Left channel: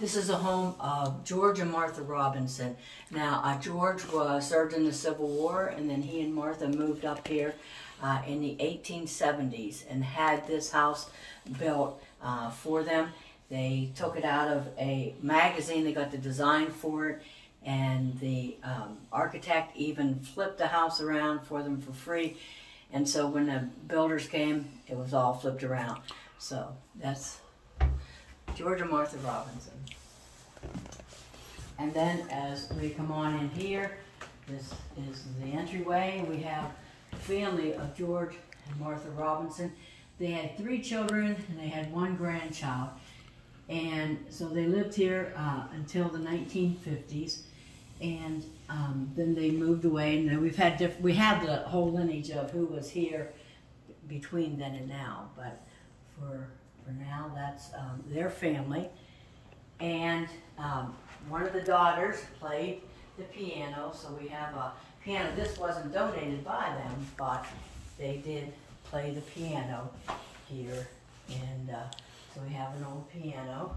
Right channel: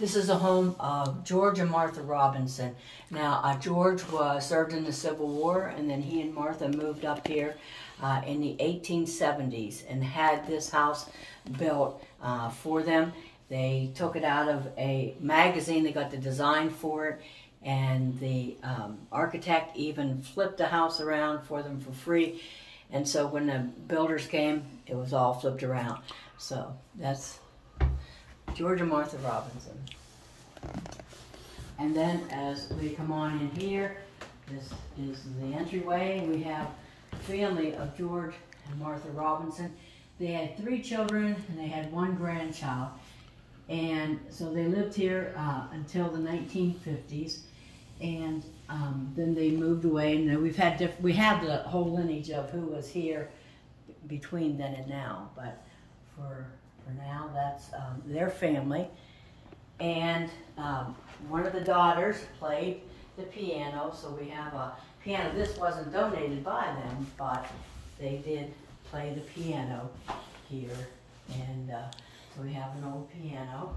This is a home of George and Martha Robinson. Now, George served in the Civil War, and then he and Martha moved up here in the 1870s and had this house built for them. They took it out of a magazine. They got the design for it, and the architect even flipped the house around for them for free. And so when the builders came, it was all flipped around. So that's George and Martha Robinson. And then as we come on in here, this is the entryway. We have the family of George and Martha Robinson. They had 3 children and they had 1 grandchild. And so they lived here until the 1950s. And then they moved away. And we have the whole lineage of who was here between then and now. But for now, that's their family. And one of the daughters played the piano, so we have a piano. This wasn't donated by them, but they did play the piano here. And so we have an old piano.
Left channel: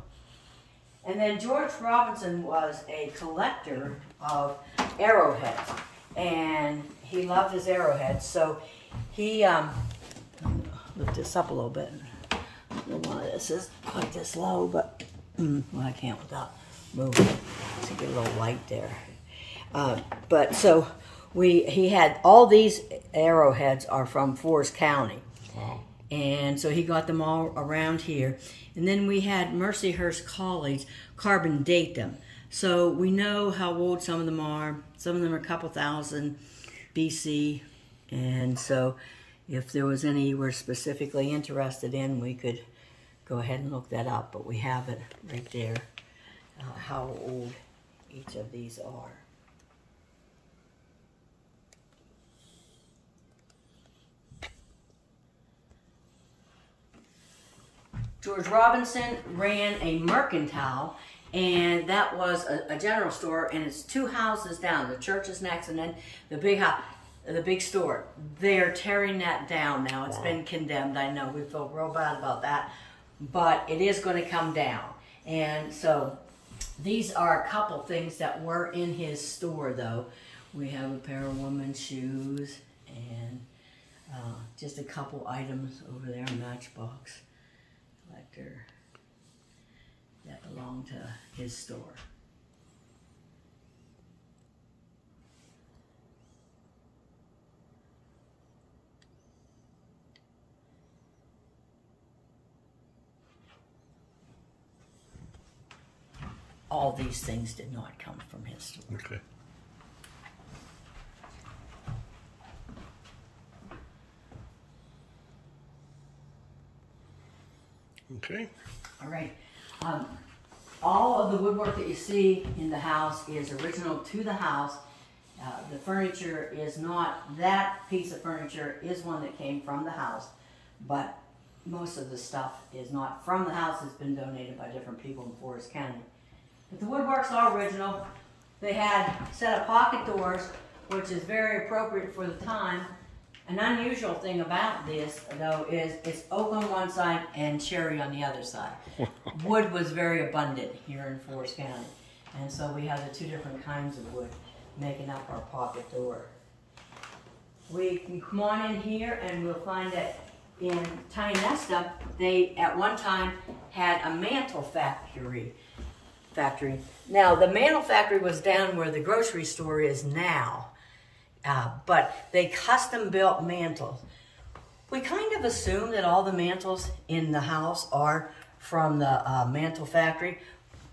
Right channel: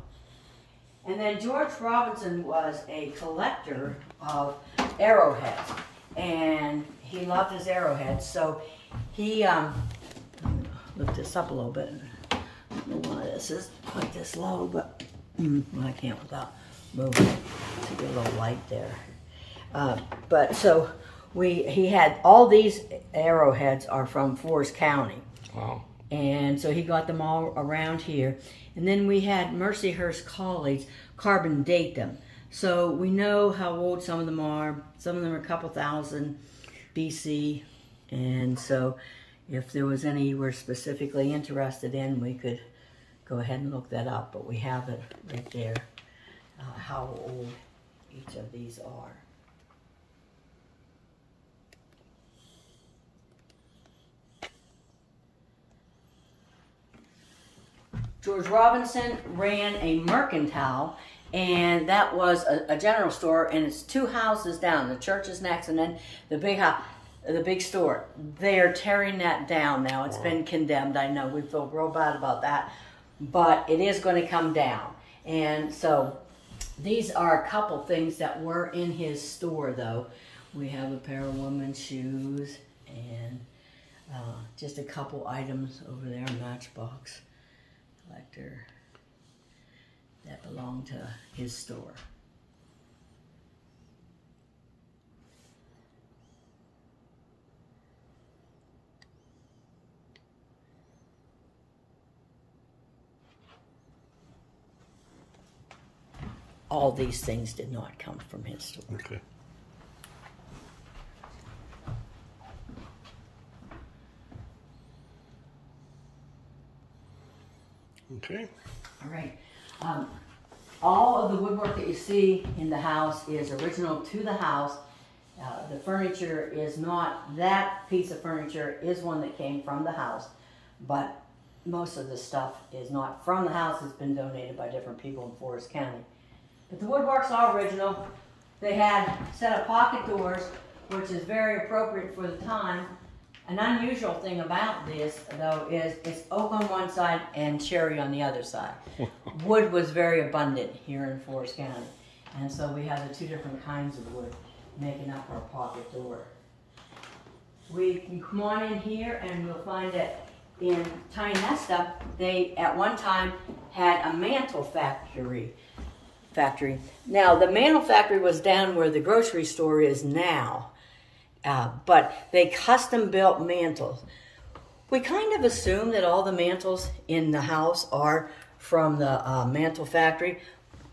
And then George Robinson was a collector of arrowheads, and he loved his arrowheads. So he, lift this up a little bit. One of this is quite this low, but well, I can't without moving. There's a good little light there. But so he had all these arrowheads are from Forest County. Wow. And so he got them all around here. And then we had Mercyhurst College carbon date them. So we know how old some of them are. Some of them are a couple thousand BC. And so if there was any you were specifically interested in, we could go ahead and look that up. But we have it right there, how old each of these are. George Robinson ran a mercantile, and that was a general store, and it's 2 houses down. The church is next, and then the big house, the big store. They are tearing that down now. It's been condemned. I know we feel real bad about that, but it is going to come down. And so these are a couple things that were in his store, though. We have a pair of women's shoes and just a couple items over there, Matchbox collector, that belonged to his store. All these things did not come from his store. Okay. Okay. All right. All of the woodwork that you see in the house is original to the house. The furniture is not, that piece of furniture is one that came from the house, but most of the stuff is not from the house. It's been donated by different people in Forest County. But the woodwork's all original. They had a set of pocket doors, which is very appropriate for the time. An unusual thing about this, though, is it's oak on one side and cherry on the other side. Wood was very abundant here in Forest County. And so we have the 2 different kinds of wood making up our pocket door. We can come on in here and we'll find that in Tiny Nesta, they at one time had a mantle factory. Now, the mantle factory was down where the grocery store is now. But they custom built mantles. We kind of assume that all the mantles in the house are from the mantle factory,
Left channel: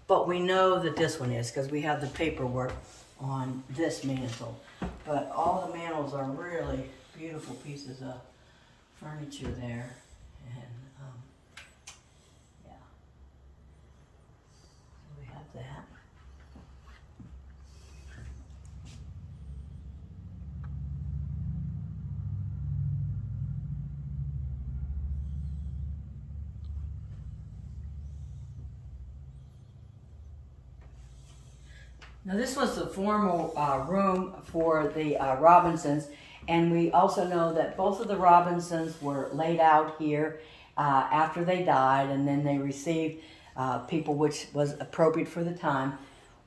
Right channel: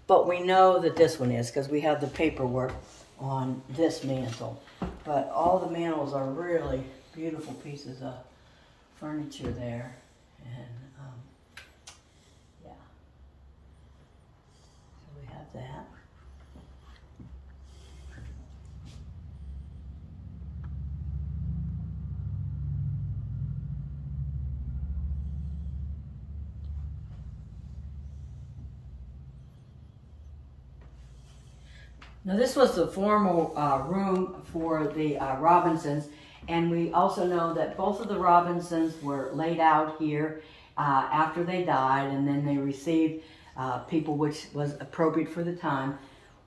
but we know that this one is because we have the paperwork on this mantle. But all the mantles are really beautiful pieces of furniture there. And yeah, so we have that. Now this was the formal room for the Robinsons, and we also know that both of the Robinsons were laid out here after they died, and then they received people, which was appropriate for the time.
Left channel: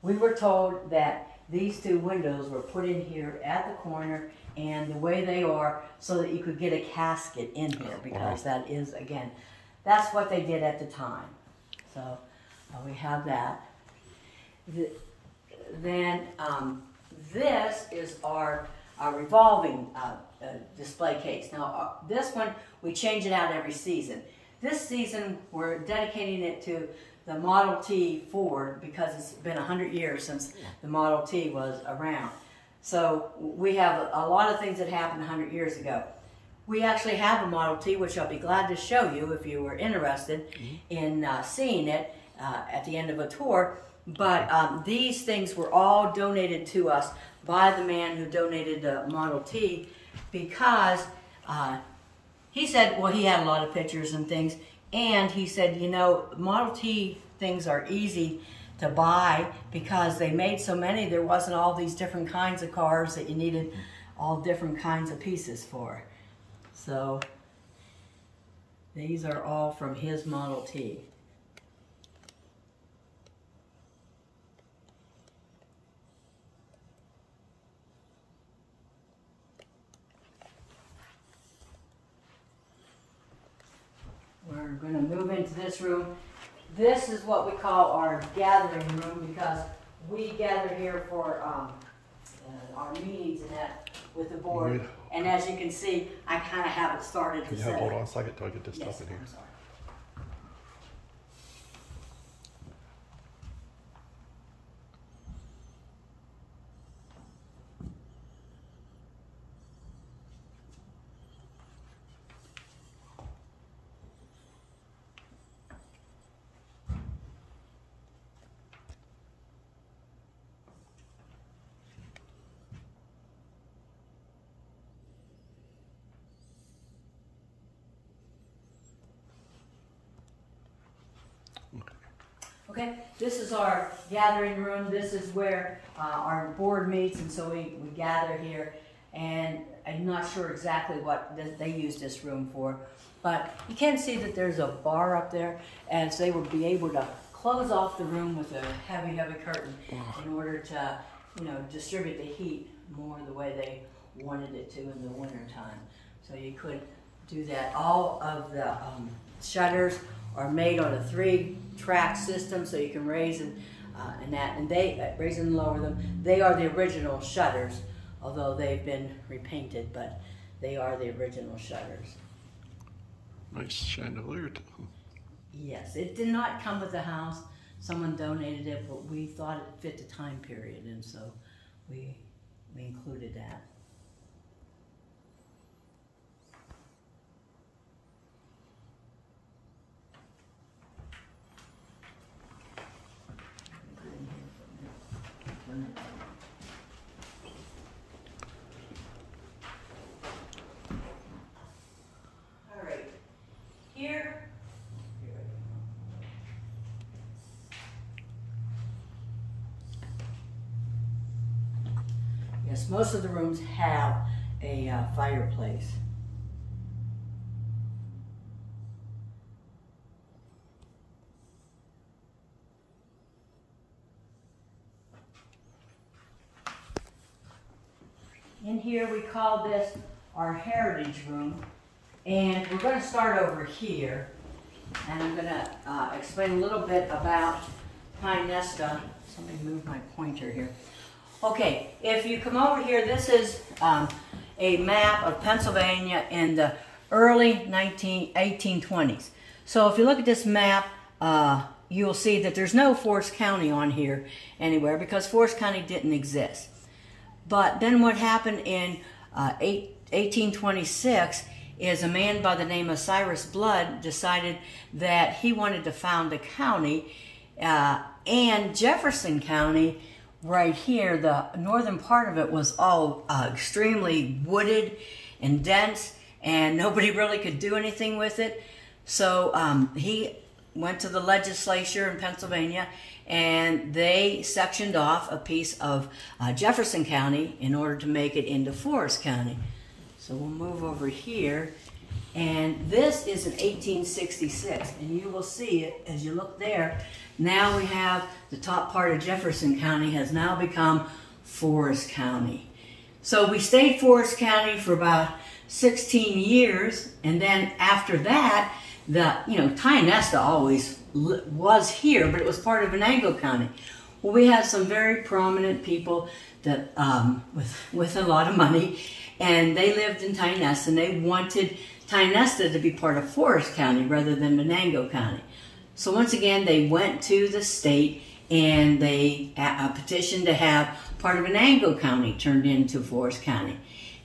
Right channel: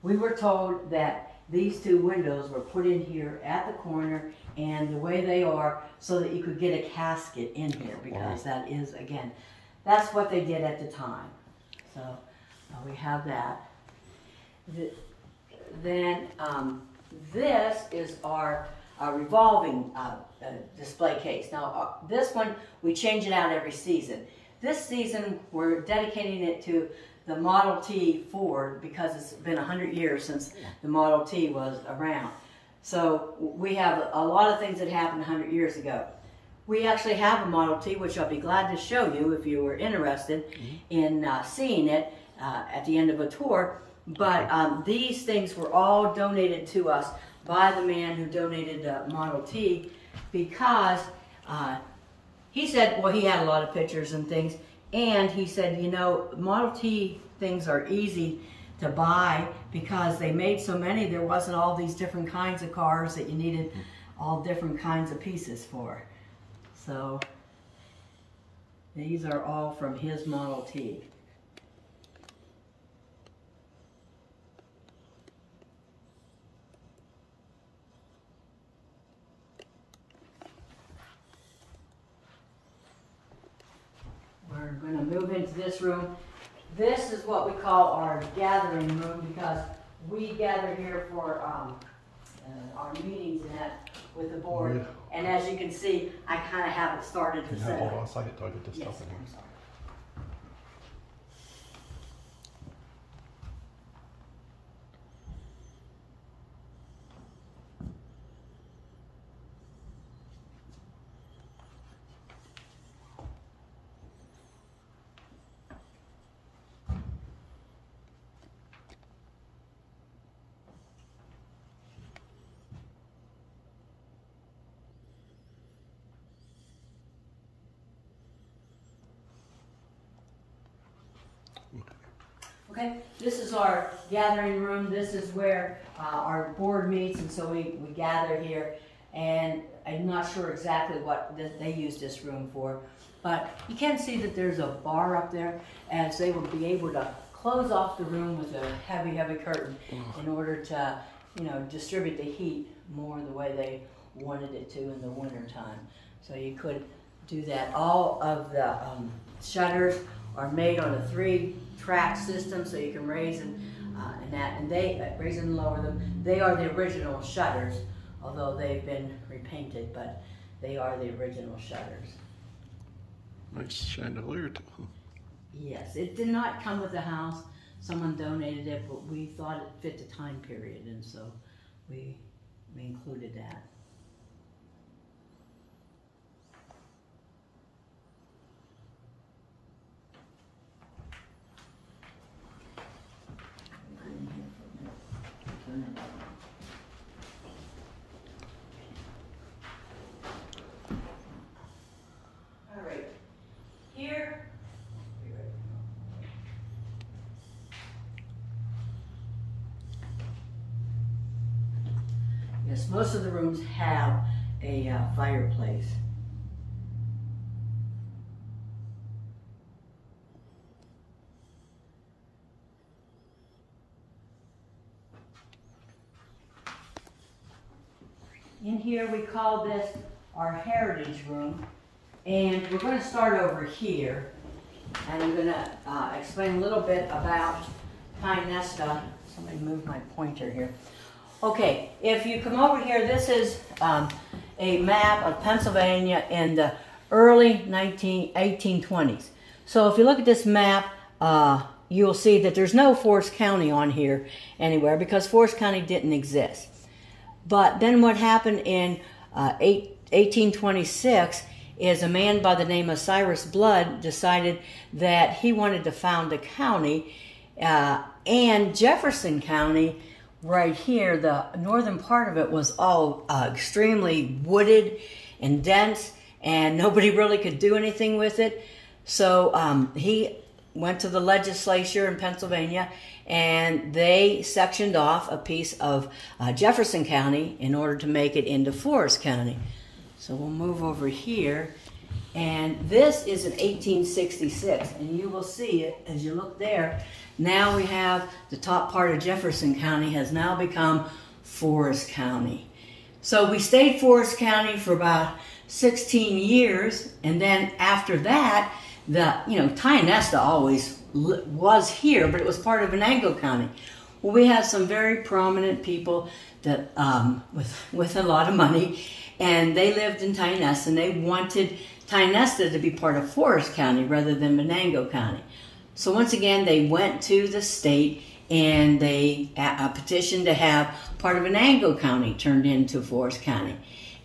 We were told that these two windows were put in here at the corner and the way they are so that you could get a casket in here, because that is, again, that's what they did at the time. So we have that. Then this is our revolving display case. Now this one, we change it out every season. This season, we're dedicating it to the Model T Ford because it's been 100 years since the Model T was around. So we have a lot of things that happened 100 years ago. We actually have a Model T, which I'll be glad to show you if you were interested in seeing it at the end of a tour. But these things were all donated to us by the man who donated the Model T, because he said, well, he had a lot of pictures and things, and he said, you know, Model T things are easy to buy because they made so many, there wasn't all these different kinds of cars that you needed all different kinds of pieces for. So these are all from his Model T. We're going to move into this room. This is what we call our gathering room, because we gather here for our meetings and that with the board. And as you can see, I kind of have it started to set. Hold on a second till I get this stuff in here. I'm sorry. Okay, this is our gathering room. This is where our board meets, and so we gather here. And I'm not sure exactly what they use this room for, but you can see that there's a bar up there, and so they will be able to close off the room with a heavy, heavy curtain in order to, you know, distribute the heat more the way they wanted it to in the winter time. So you could do that. All of the shutters are made on a 3-track system, so you can raise and they raise and lower them. They are the original shutters, although they've been repainted, but they are the original shutters. Nice chandelier too. Yes, it did not come with the house. Someone donated it, but we thought it fit the time period, and so we included that. All right, here. Yes, most of the rooms have a fireplace. In here we call this our heritage room, and we're going to start over here, and I'm going to explain a little bit about Pine Nesta. Somebody move my pointer here. Okay, if you come over here, this is a map of Pennsylvania in the early 1820s. So if you look at this map, you'll see that there's no Forest County on here anywhere because Forest County didn't exist. But then what happened in 1826 is a man by the name of Cyrus Blood decided that he wanted to found a county, and Jefferson County right here, the northern part of it was all extremely wooded and dense, and nobody really could do anything with it. So he went to the legislature in Pennsylvania, and they sectioned off a piece of Jefferson County in order to make it into Forest County. So we'll move over here, And this is in 1866, and you will see it as you look there. Now we have the top part of Jefferson County has now become Forest County. So we stayed Forest County for about 16 years, and then after that, Tionesta always was here, but it was part of Venango County. Well, we had some very prominent people that with a lot of money, and they lived in Tionesta, and they wanted Tionesta to be part of Forest County rather than Venango County. So once again, they went to the state and they petitioned to have part of Venango County turned into Forest County.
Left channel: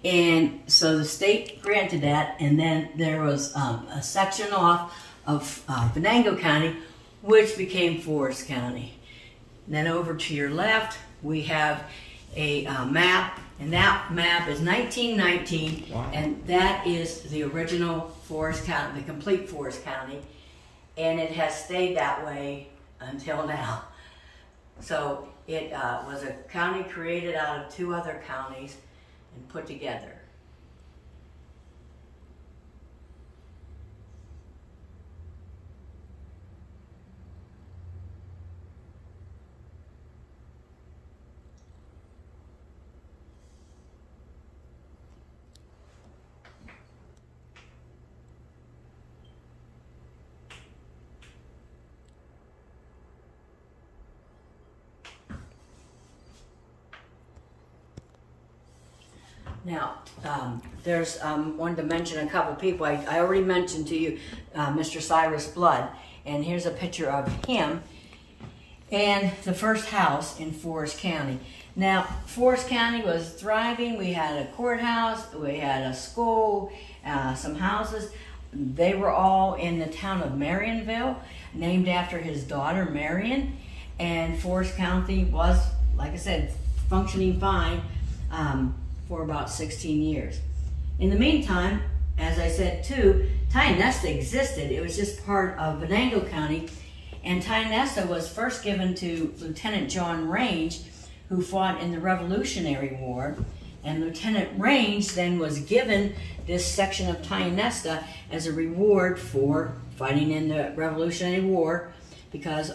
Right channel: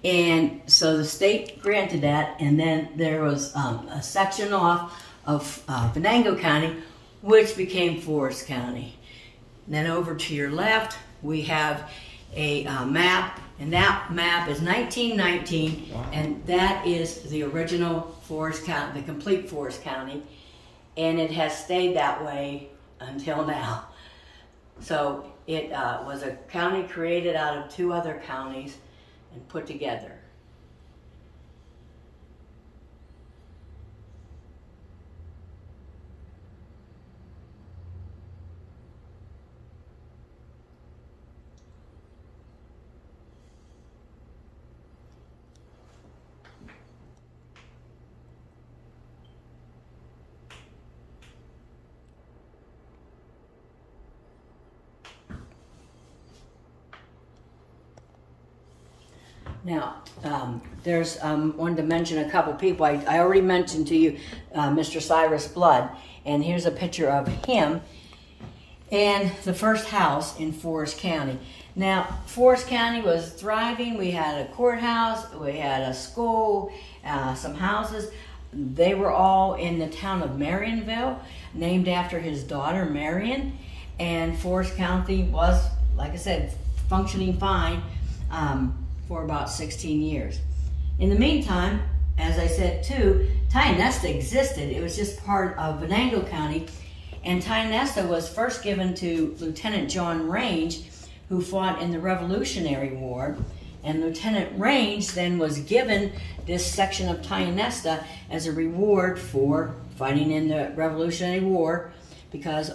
And so the state granted that, and then there was a section off of Venango County, which became Forest County. And then over to your left, we have a map, and that map is 1919, wow. And that is the original Forest County, the complete Forest County, and it has stayed that way until now. So it was a county created out of two other counties and put together. Now, there's wanted to mention a couple people. I already mentioned to you Mr. Cyrus Blood, and here's a picture of him and the first house in Forest County. Now, Forest County was thriving. We had a courthouse, we had a school, some houses. They were all in the town of Marionville, named after his daughter Marion, and Forest County was, like I said, functioning fine for about 16 years. In the meantime, as I said too, Tionesta existed. It was just part of Venango County, and Tionesta was first given to Lieutenant John Range, who fought in the Revolutionary War, and Lieutenant Range then was given this section of Tionesta as a reward for fighting in the Revolutionary War, because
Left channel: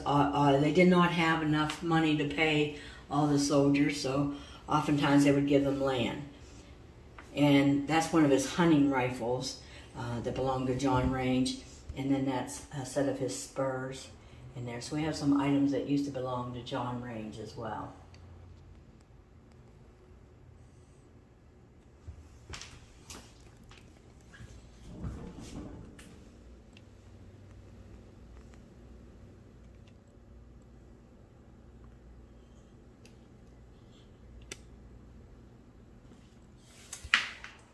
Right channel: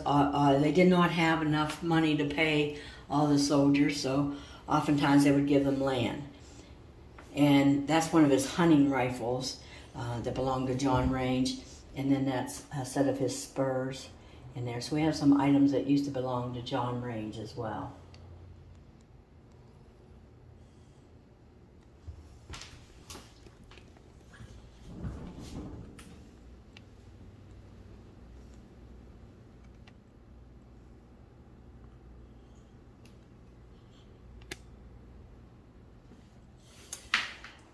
they did not have enough money to pay all the soldiers, so oftentimes they would give them land. And that's one of his hunting rifles that belonged to John Range. And then that's a set of his spurs in there. So we have some items that used to belong to John Range as well.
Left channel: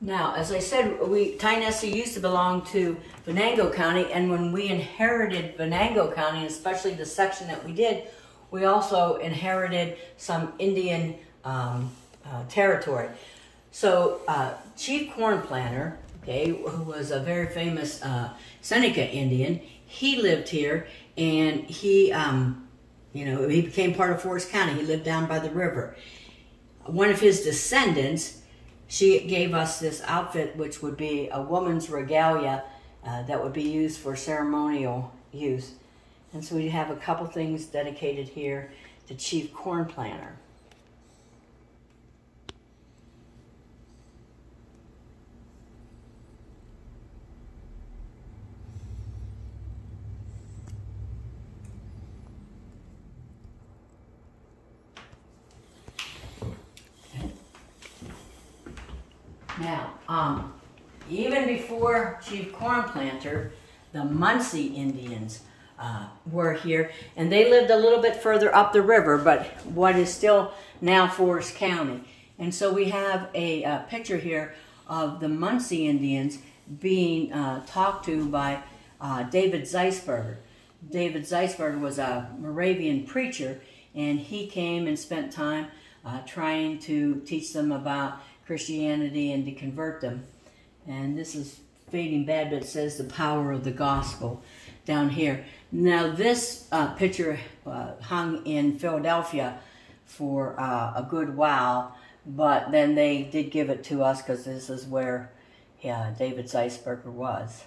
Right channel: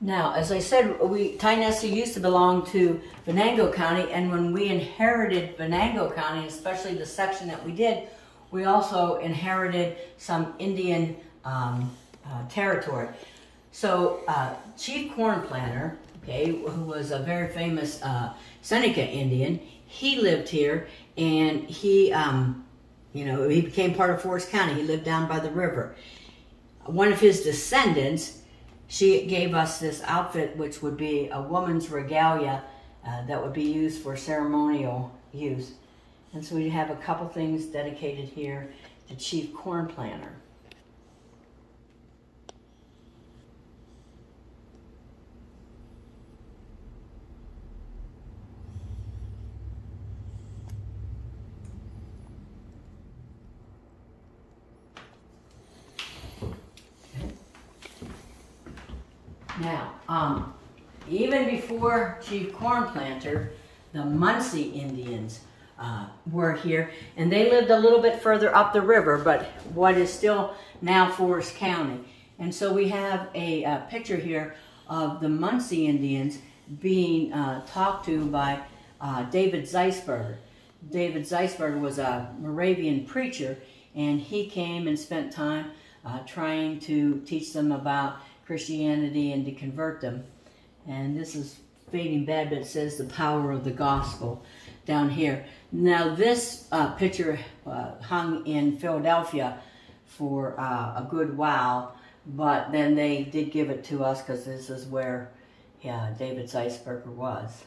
Now, as I said, Tionesta used to belong to Venango County, and when we inherited Venango County, especially the section that we did, we also inherited some Indian territory. So, Chief Corn Planter, okay, who was a very famous Seneca Indian, he lived here, and he became part of Forest County. He lived down by the river. One of his descendants, she gave us this outfit, which would be a woman's regalia that would be used for ceremonial use. And so we have a couple things dedicated here to Chief Corn Planter. Now, even before Chief Corn Planter, the Muncie Indians were here, and they lived a little bit further up the river, but what is still now Forest County. And so we have a picture here of the Muncie Indians being talked to by David Zeisberger. David Zeisberger was a Moravian preacher, and he came and spent time trying to teach them about Christianity and to convert them. And this is fading bad, but it says the power of the gospel down here. Now this picture hung in Philadelphia for a good while, but then they did give it to us because this is where David Zeisberger was.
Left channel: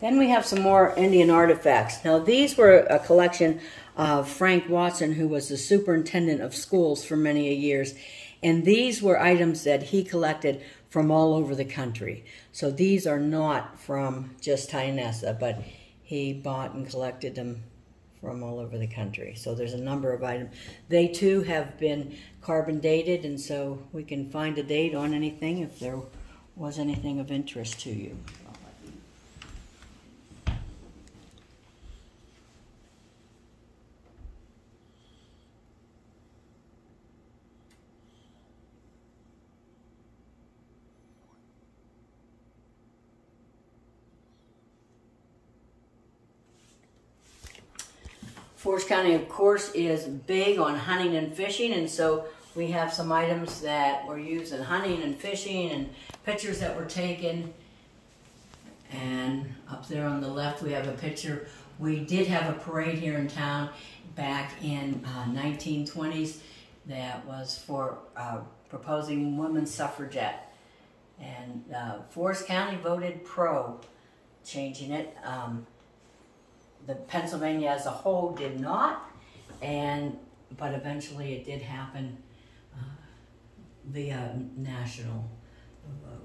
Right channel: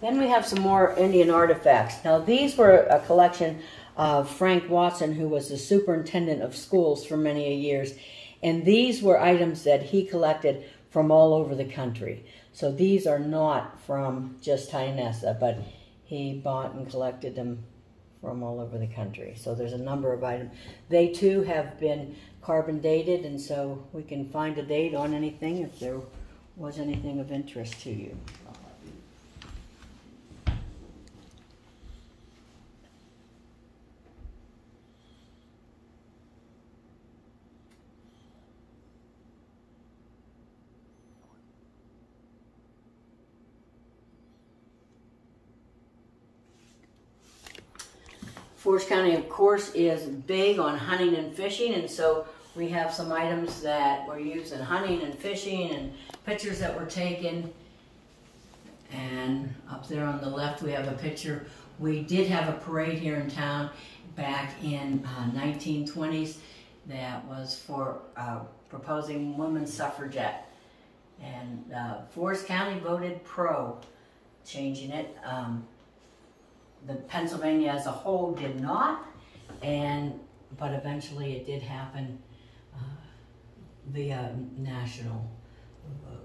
Then we have some more Indian artifacts. Now these were a collection of Frank Watson, who was the superintendent of schools for many years. And these were items that he collected from all over the country. So these are not from just Tionessa, but he bought and collected them from all over the country. So there's a number of items. They too have been carbon dated, and so we can find a date on anything if there was anything of interest to you. Forest County, of course, is big on hunting and fishing, and so we have some items that were used in hunting and fishing and pictures that were taken. And up there on the left, we have a picture. We did have a parade here in town back in 1920s that was for proposing women's suffragette. And Forest County voted pro changing it. The Pennsylvania as a whole did not, but eventually it did happen via national vote.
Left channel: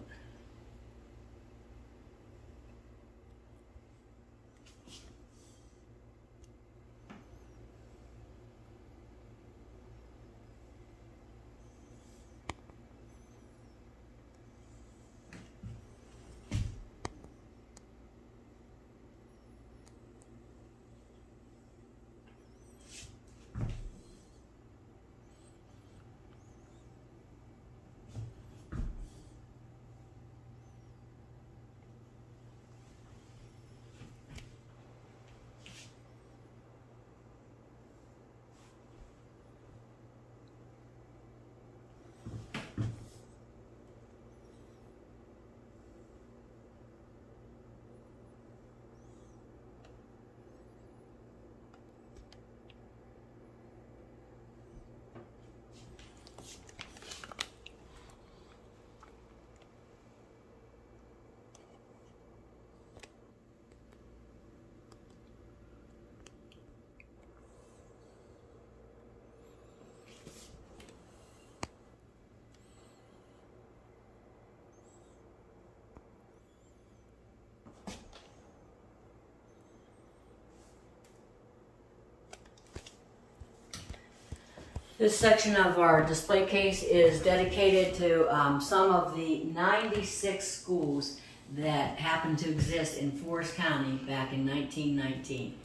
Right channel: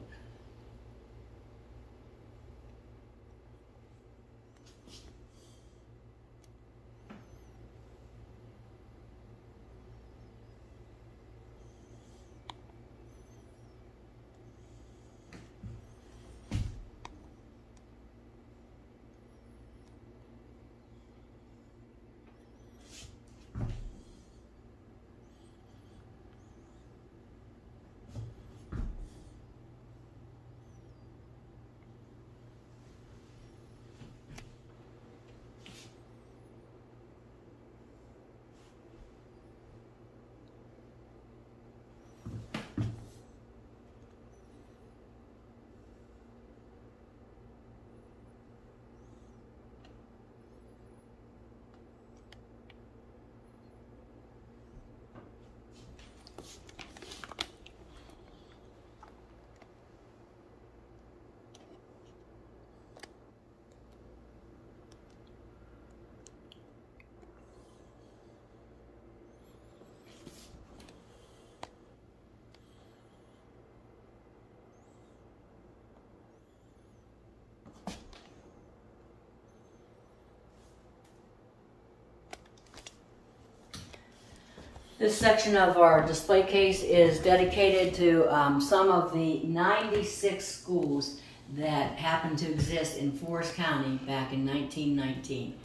This section of our display case is dedicated to some of the 96 schools that happened to exist in Forest County back in 1919.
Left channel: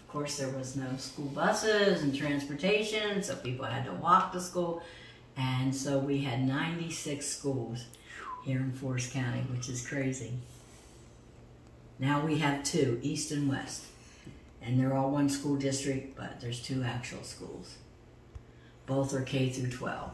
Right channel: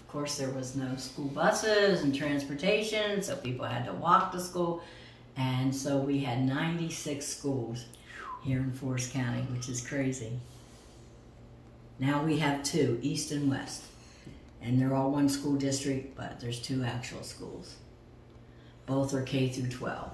Of course, there was no school buses and transportation, so people had to walk to school. And so we had 96 schools here in Forest County, which is crazy. Now we have 2, East and West. And they're all one school district, but there's 2 actual schools. Both are K through 12.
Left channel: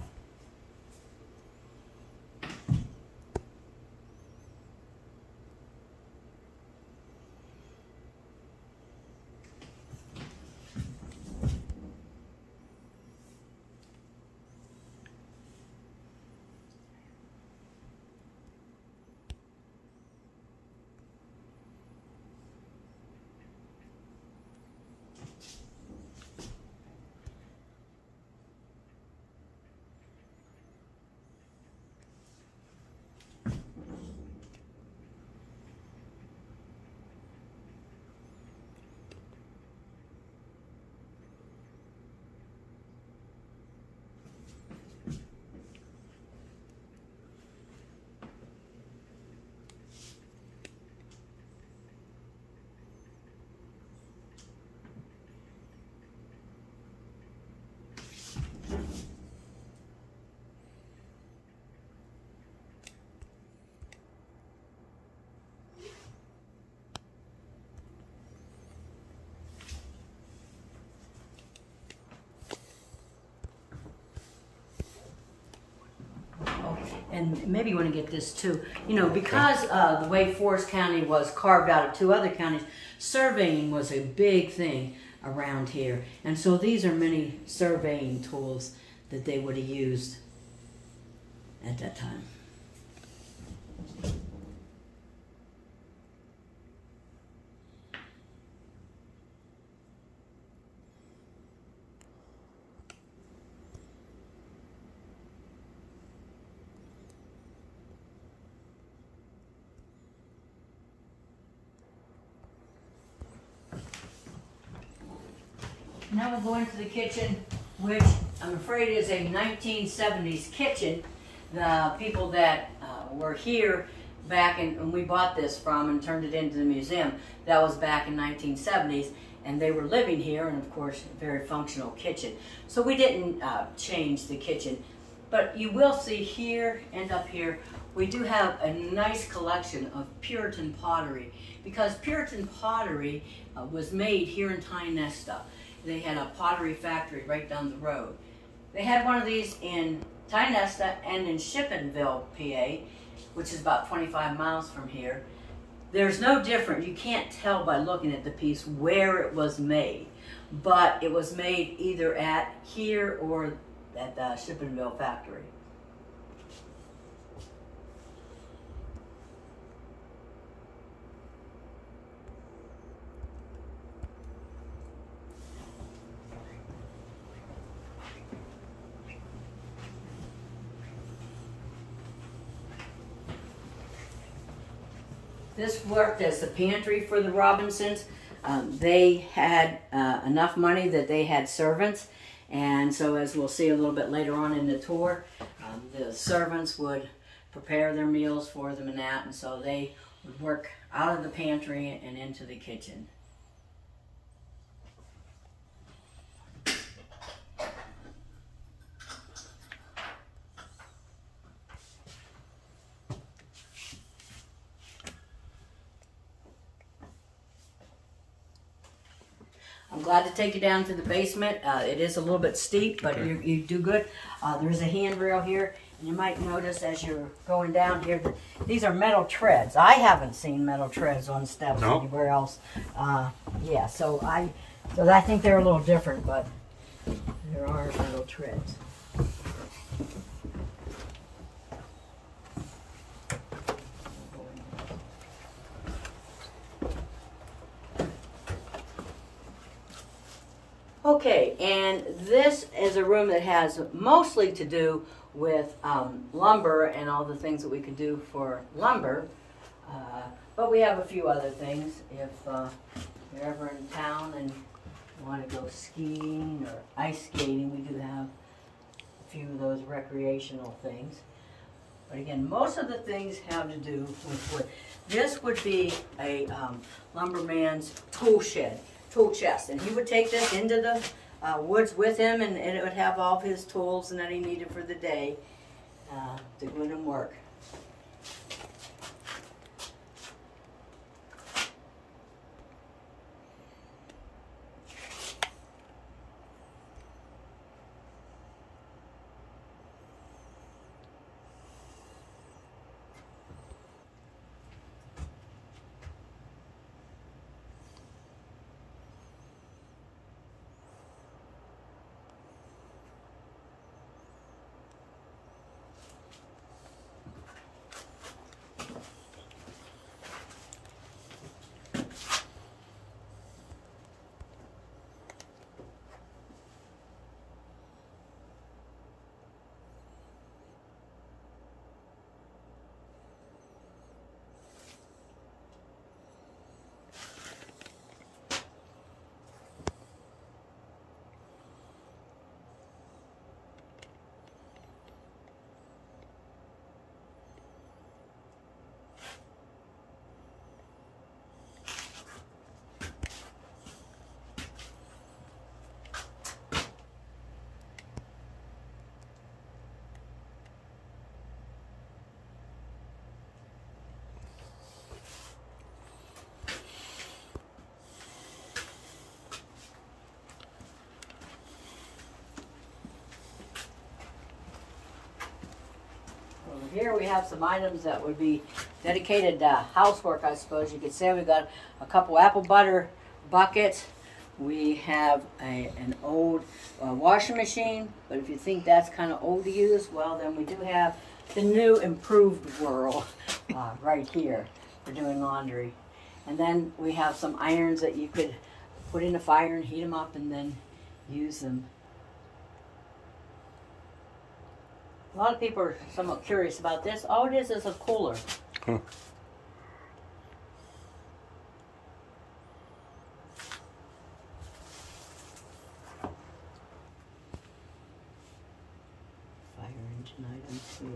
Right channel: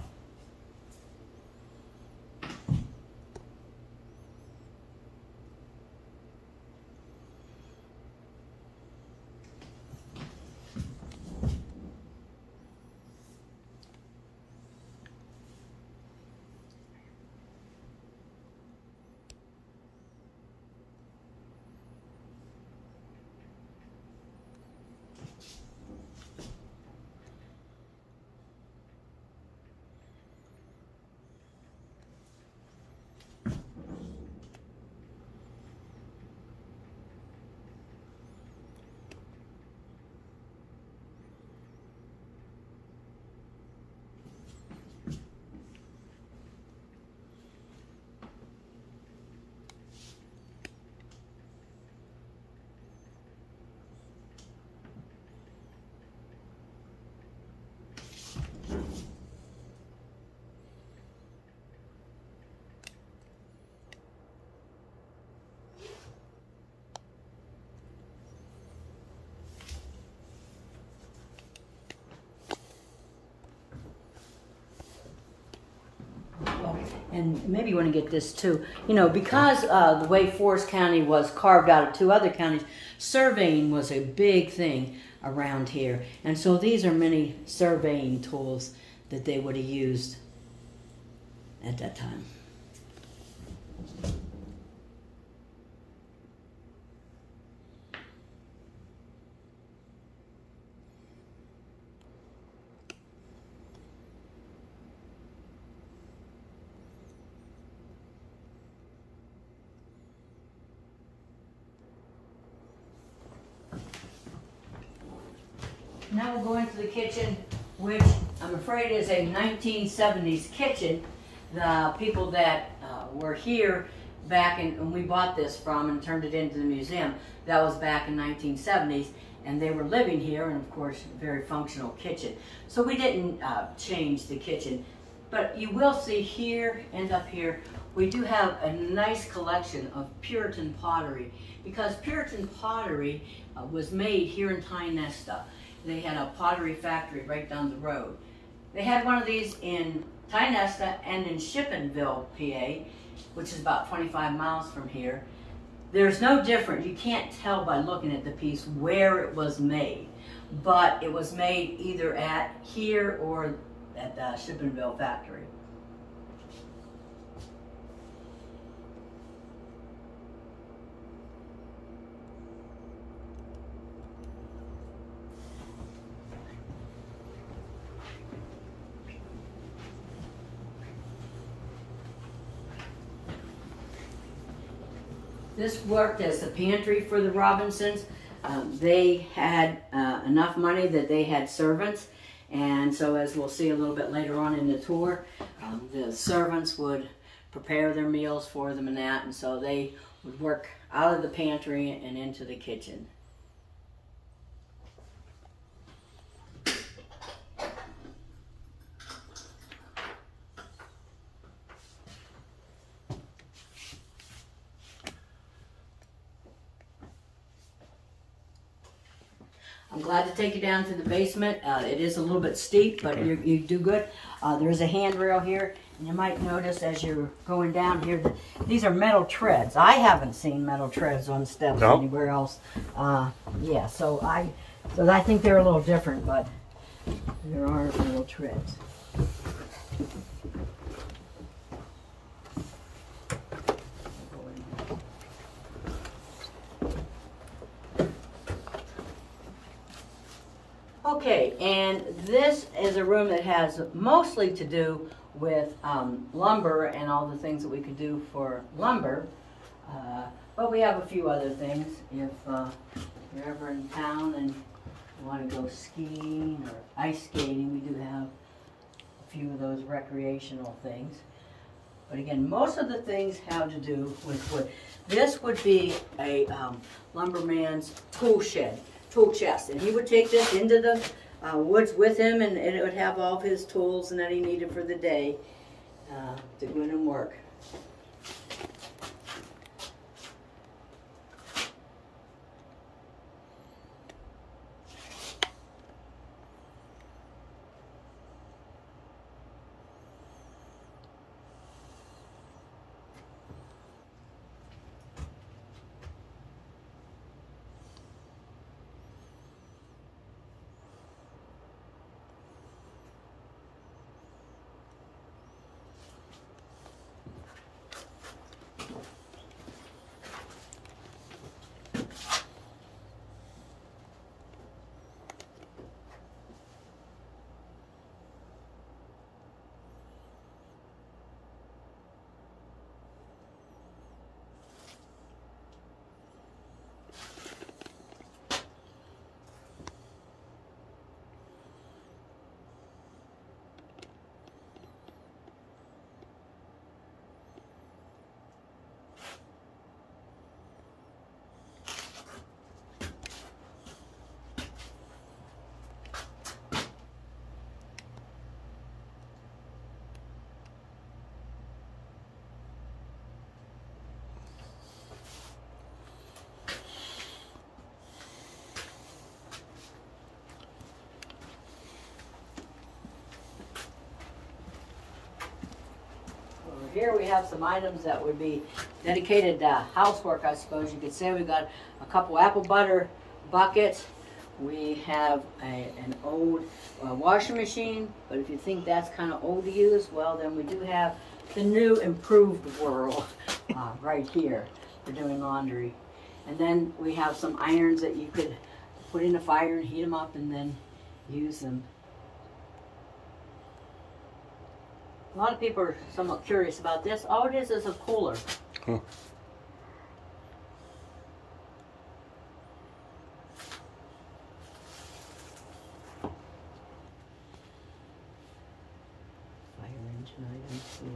And maybe you want to get this too. You know, because the way Forest County was carved out of 2 other counties, surveying was a big thing. around here. And so these are many surveying tools that they would have used at that time. Now we'll go into the kitchen, which I'm afraid is a 1970s kitchen. The people that were here back when we bought this from and turned it into the museum, that was back in 1970s, and they were living here, and of course, a very functional kitchen. So we didn't change the kitchen, but you will see here and up here, we do have a nice collection of Puritan pottery, because Puritan pottery was made here in Tionesta. They had a pottery factory right down the road. They had one of these in Tionesta and in Shippenville, PA, which is about 25 miles from here. There's no difference. You can't tell by looking at the piece where it was made, but it was made either at here or at the Shippenville factory. This worked as the pantry for the Robinsons. They had enough money that they had servants, and so as we'll see a little bit later on in the tour, the servants would prepare their meals for them and that, and so they would work out of the pantry and into the kitchen. I'm glad to take you down to the basement. It is a little bit steep, but Okay. you do good. There is a handrail here, and you might notice as you're going down here that these are metal treads. I haven't seen metal treads on steps anywhere else. Yeah, so I think they're a little different, but there are metal treads. Okay, and this is a room that has mostly to do with lumber and all the things that we could do for lumber. But we have a few other things. If you're ever in town and you want to go skiing or ice skating, we do have a few of those recreational things. But again, most of the things have to do with wood. This would be a lumberman's tool shed. Tool chest, and he would take this into the woods with him, and it would have all of his tools and that he needed for the day to go in and work. Here we have some items that would be dedicated to housework, I suppose you could say. We've got a couple apple butter buckets. We have an old washing machine, but if you think that's kind of old to use, well, then we do have the new improved world right here for doing laundry. And then we have some irons that you could put in a fire and heat them up and then use them. A lot of people are somewhat curious about this. All it is a cooler. Huh. Fire engine items here.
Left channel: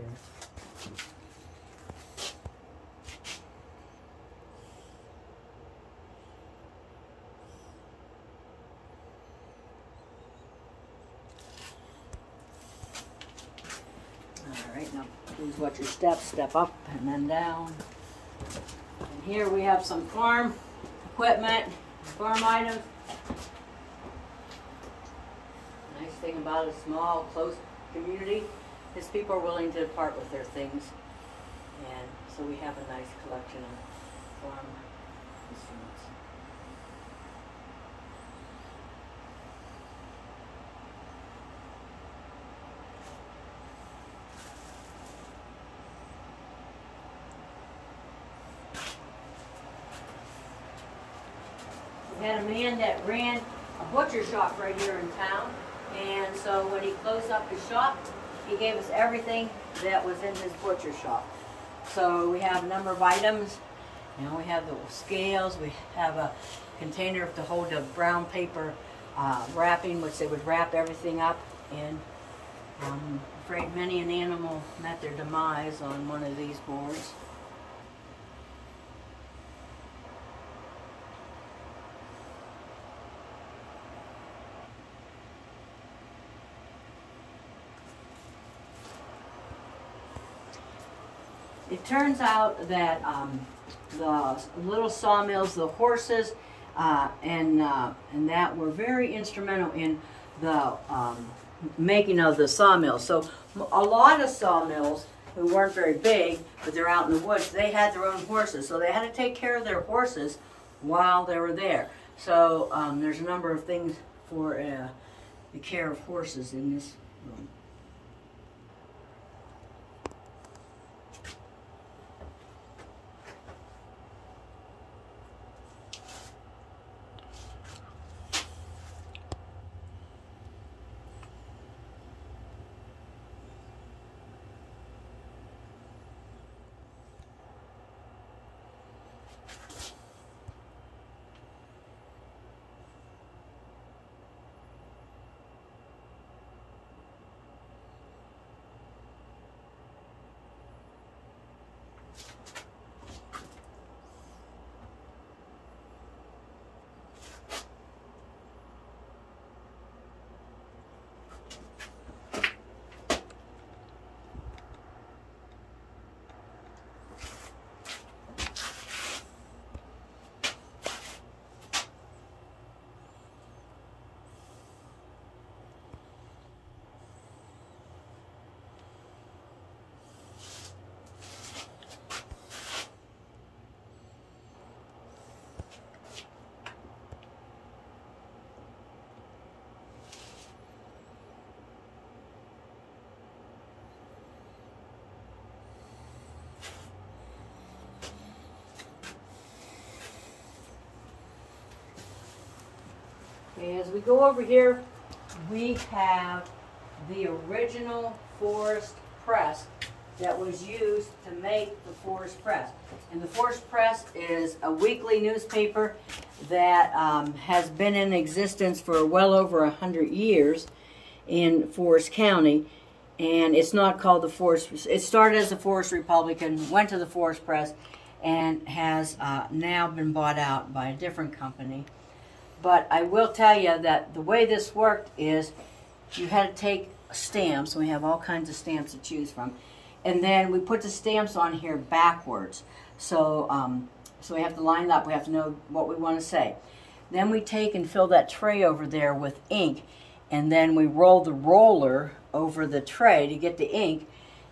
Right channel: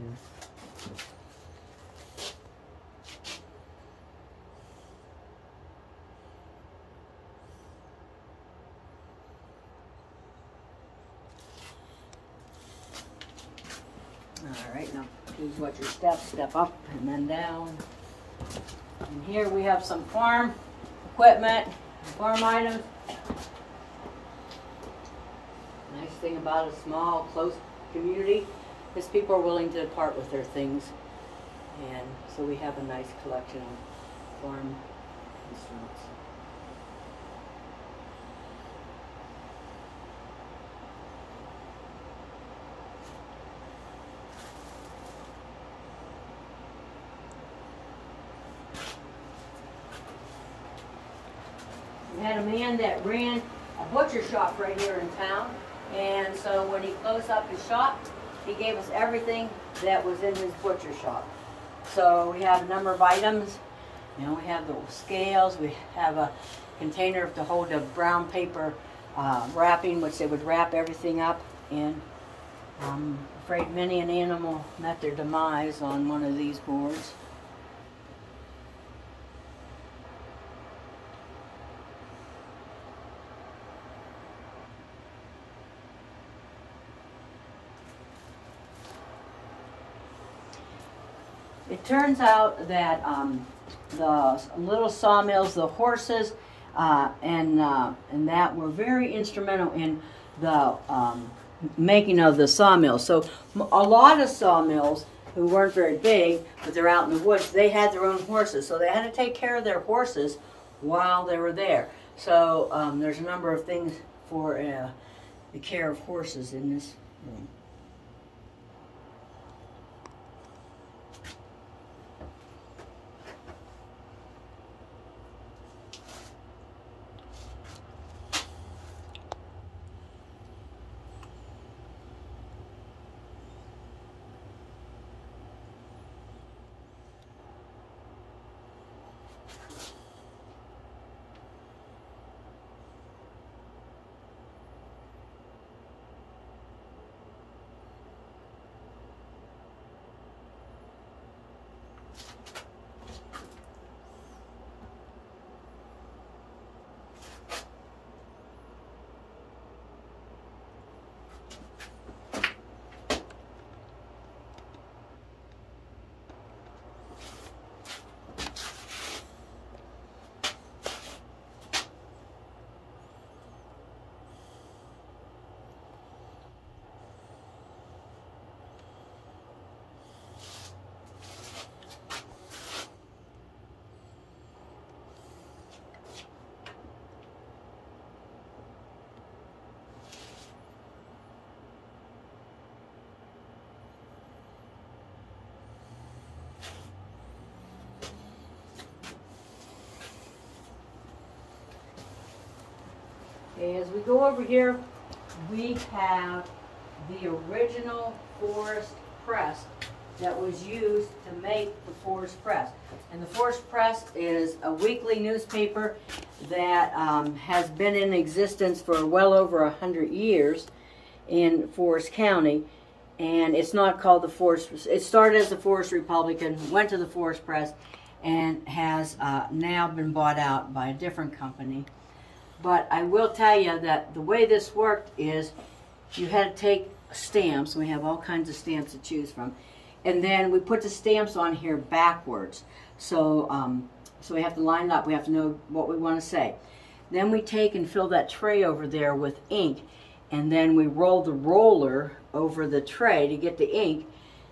Alright, now please watch your steps. Step up and then down. And here we have some farm equipment, farm items. Nice thing about a small, close community is people are willing to part with their things. And so we have a nice collection of farm instruments. We had a man that ran a butcher shop right here in town, and so when he closed up his shop, he gave us everything that was in his butcher shop. So we have a number of items. You know, we have the scales, we have a container to hold the brown paper wrapping, which they would wrap everything up in. I'm afraid many an animal met their demise on one of these boards. It turns out that the little sawmills, the horses, and that were very instrumental in the making of the sawmills. So a lot of sawmills who weren't very big, but they're out in the woods, they had their own horses. So they had to take care of their horses while they were there. So there's a number of things for the care of horses in this room. Okay, as we go over here, we have the original forest press that was used to make the forest press. And the forest press is a weekly newspaper that has been in existence for well over 100 years in Forest County. And it's not called the Forest, it started as the Forest Republican, went to the Forest Press, and has now been bought out by a different company. But I will tell you that the way this worked is you had to take stamps. We have all kinds of stamps to choose from. And then we put the stamps on here backwards. So, so we have to line up. We have to know what we want to say. Then we take and fill that tray over there with ink. And then we roll the roller over the tray to get the ink.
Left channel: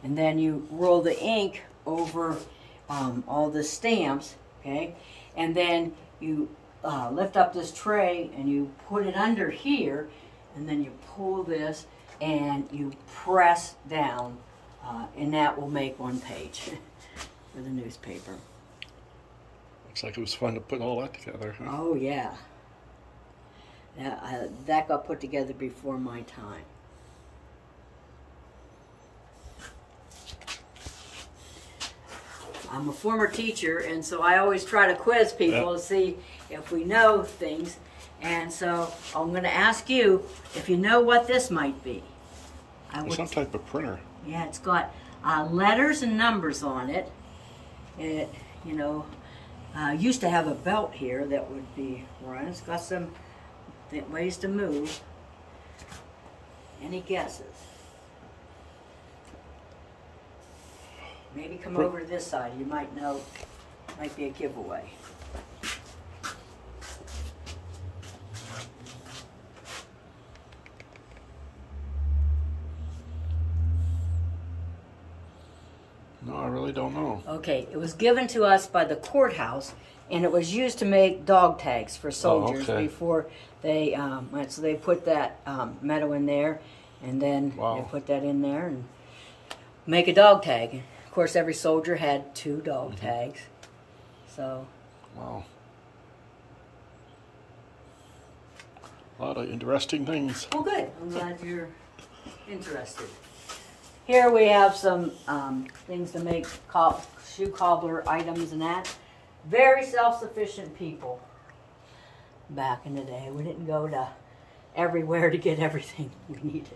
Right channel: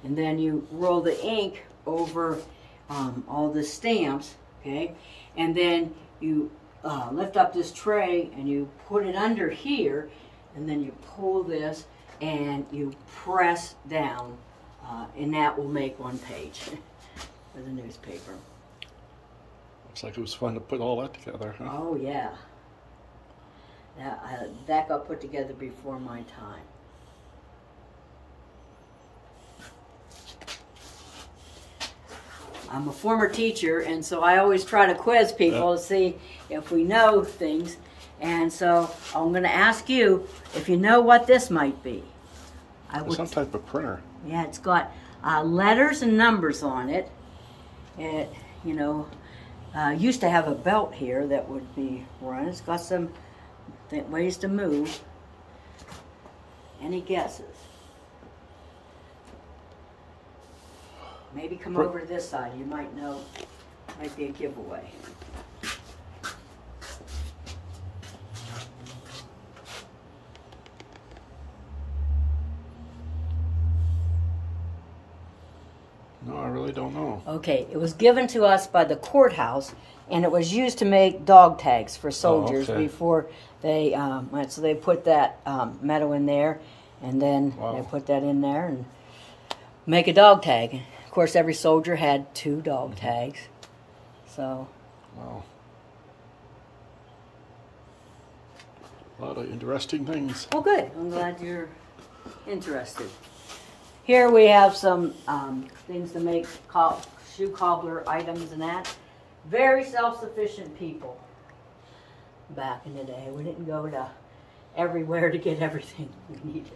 And then you roll the ink over all the stamps. Okay? And then you lift up this tray and you put it under here, and then you pull this and you press down, and that will make one page for the newspaper. Looks like it was fun to put all that together, huh? Oh yeah. That got put together before my time. I'm a former teacher, and so I always try to quiz people to see if we know things. And so I'm going to ask you if you know what this might be. Some type of printer. Yeah, it's got letters and numbers on it. It, used to have a belt here that would be run. It's got some ways to move. Any guesses? Maybe come over to this side. You might know. Might be a giveaway. No, I really don't know. Okay, it was given to us by the courthouse, and it was used to make dog tags for soldiers before they so they put that metal in there, and then they put that in there and make a dog tag. Of course, every soldier had 2 dog tags. So. Wow. A lot of interesting things. Oh, good. I'm glad you're interested. Here we have some things to make shoe cobbler items and that. Very self-sufficient people back in the day. We didn't go to everywhere to get everything we needed.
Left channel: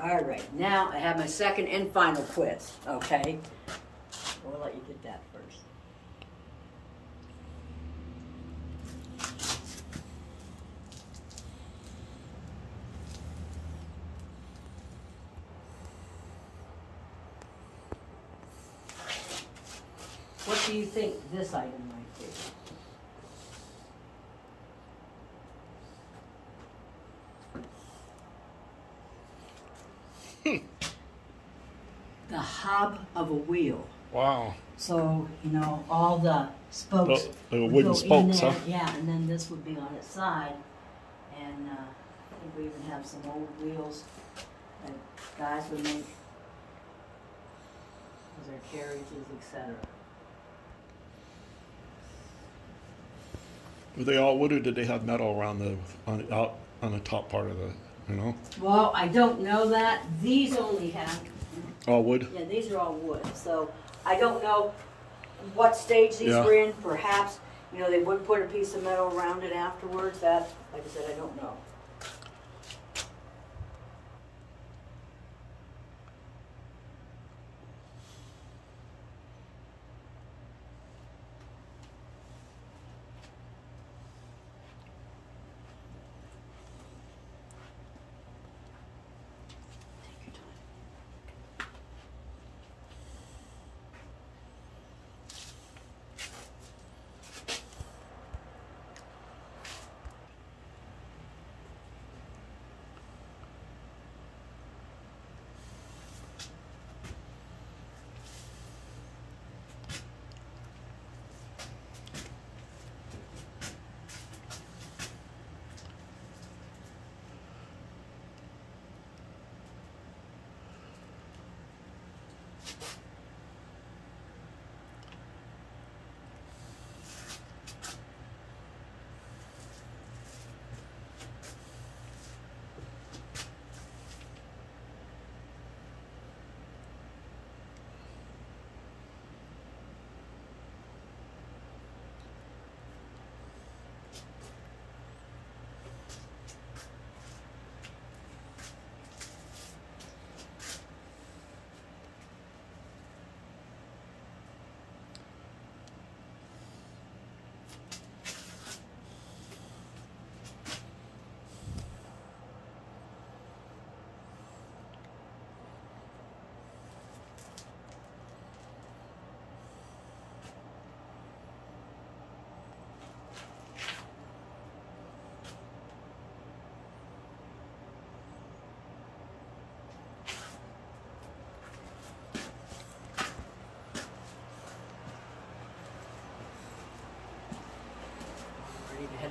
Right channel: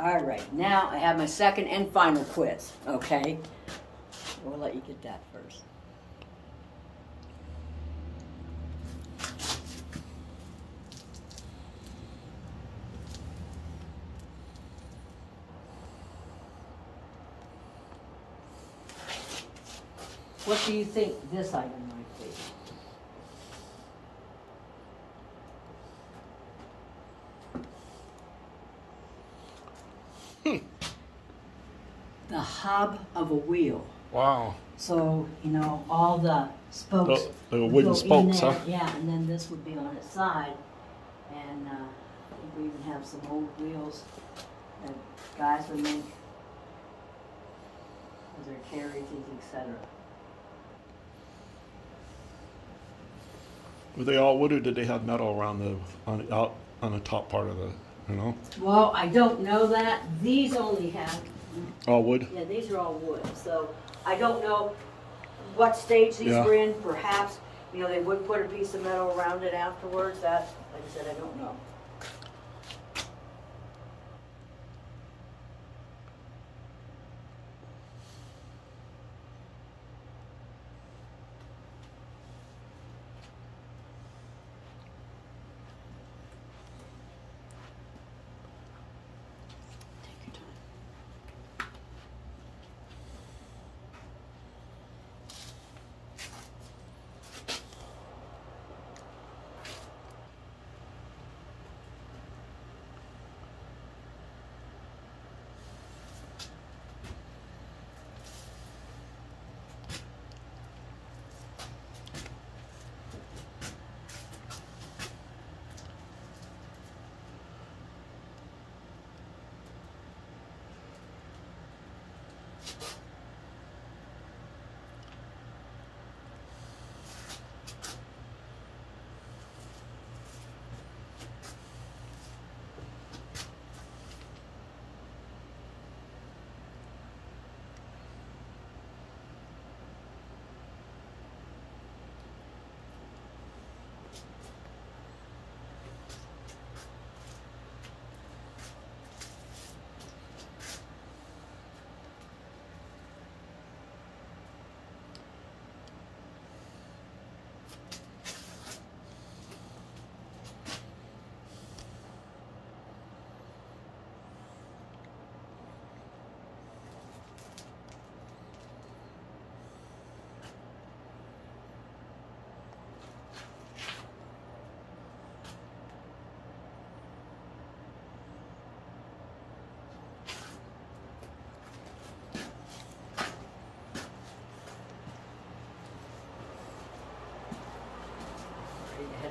All right, now I have my second and final quiz, okay? We'll let you get that first. What do you think this item might be? The hub of a wheel. Wow. So, all the spokes. The wooden spokes, huh? Yeah, and then this would be on its side. And I think we even have some old wheels that guys would make for their carriages, etc. Were they all wood, or did they have metal around on the top part of the, Well, I don't know that. These only have. All wood? Yeah, these are all wood. So I don't know what stage these were in. Perhaps, they would put a piece of metal around it afterwards. That, like I said, I don't know.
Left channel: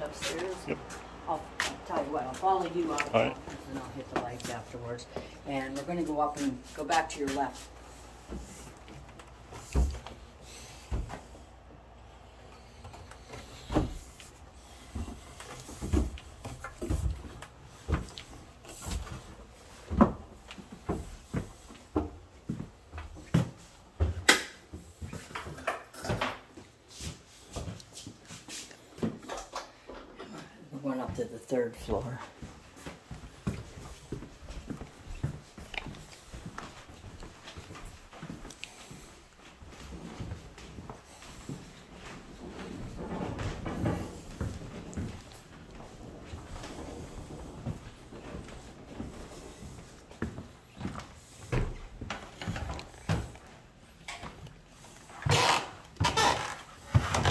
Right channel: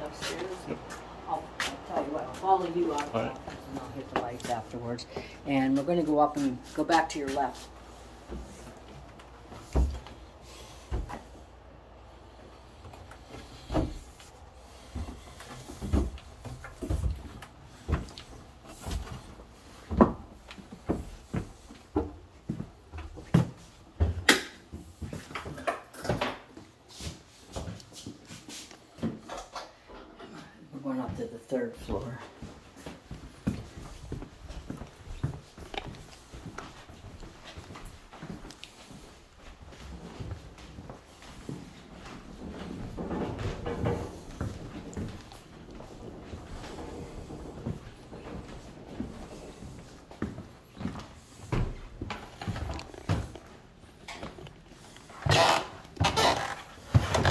upstairs? Yep. I'll tell you what, I'll follow you out, All right. and I'll hit the lights afterwards. And we're going to go up and go back to your left. We're going up to the 3rd floor.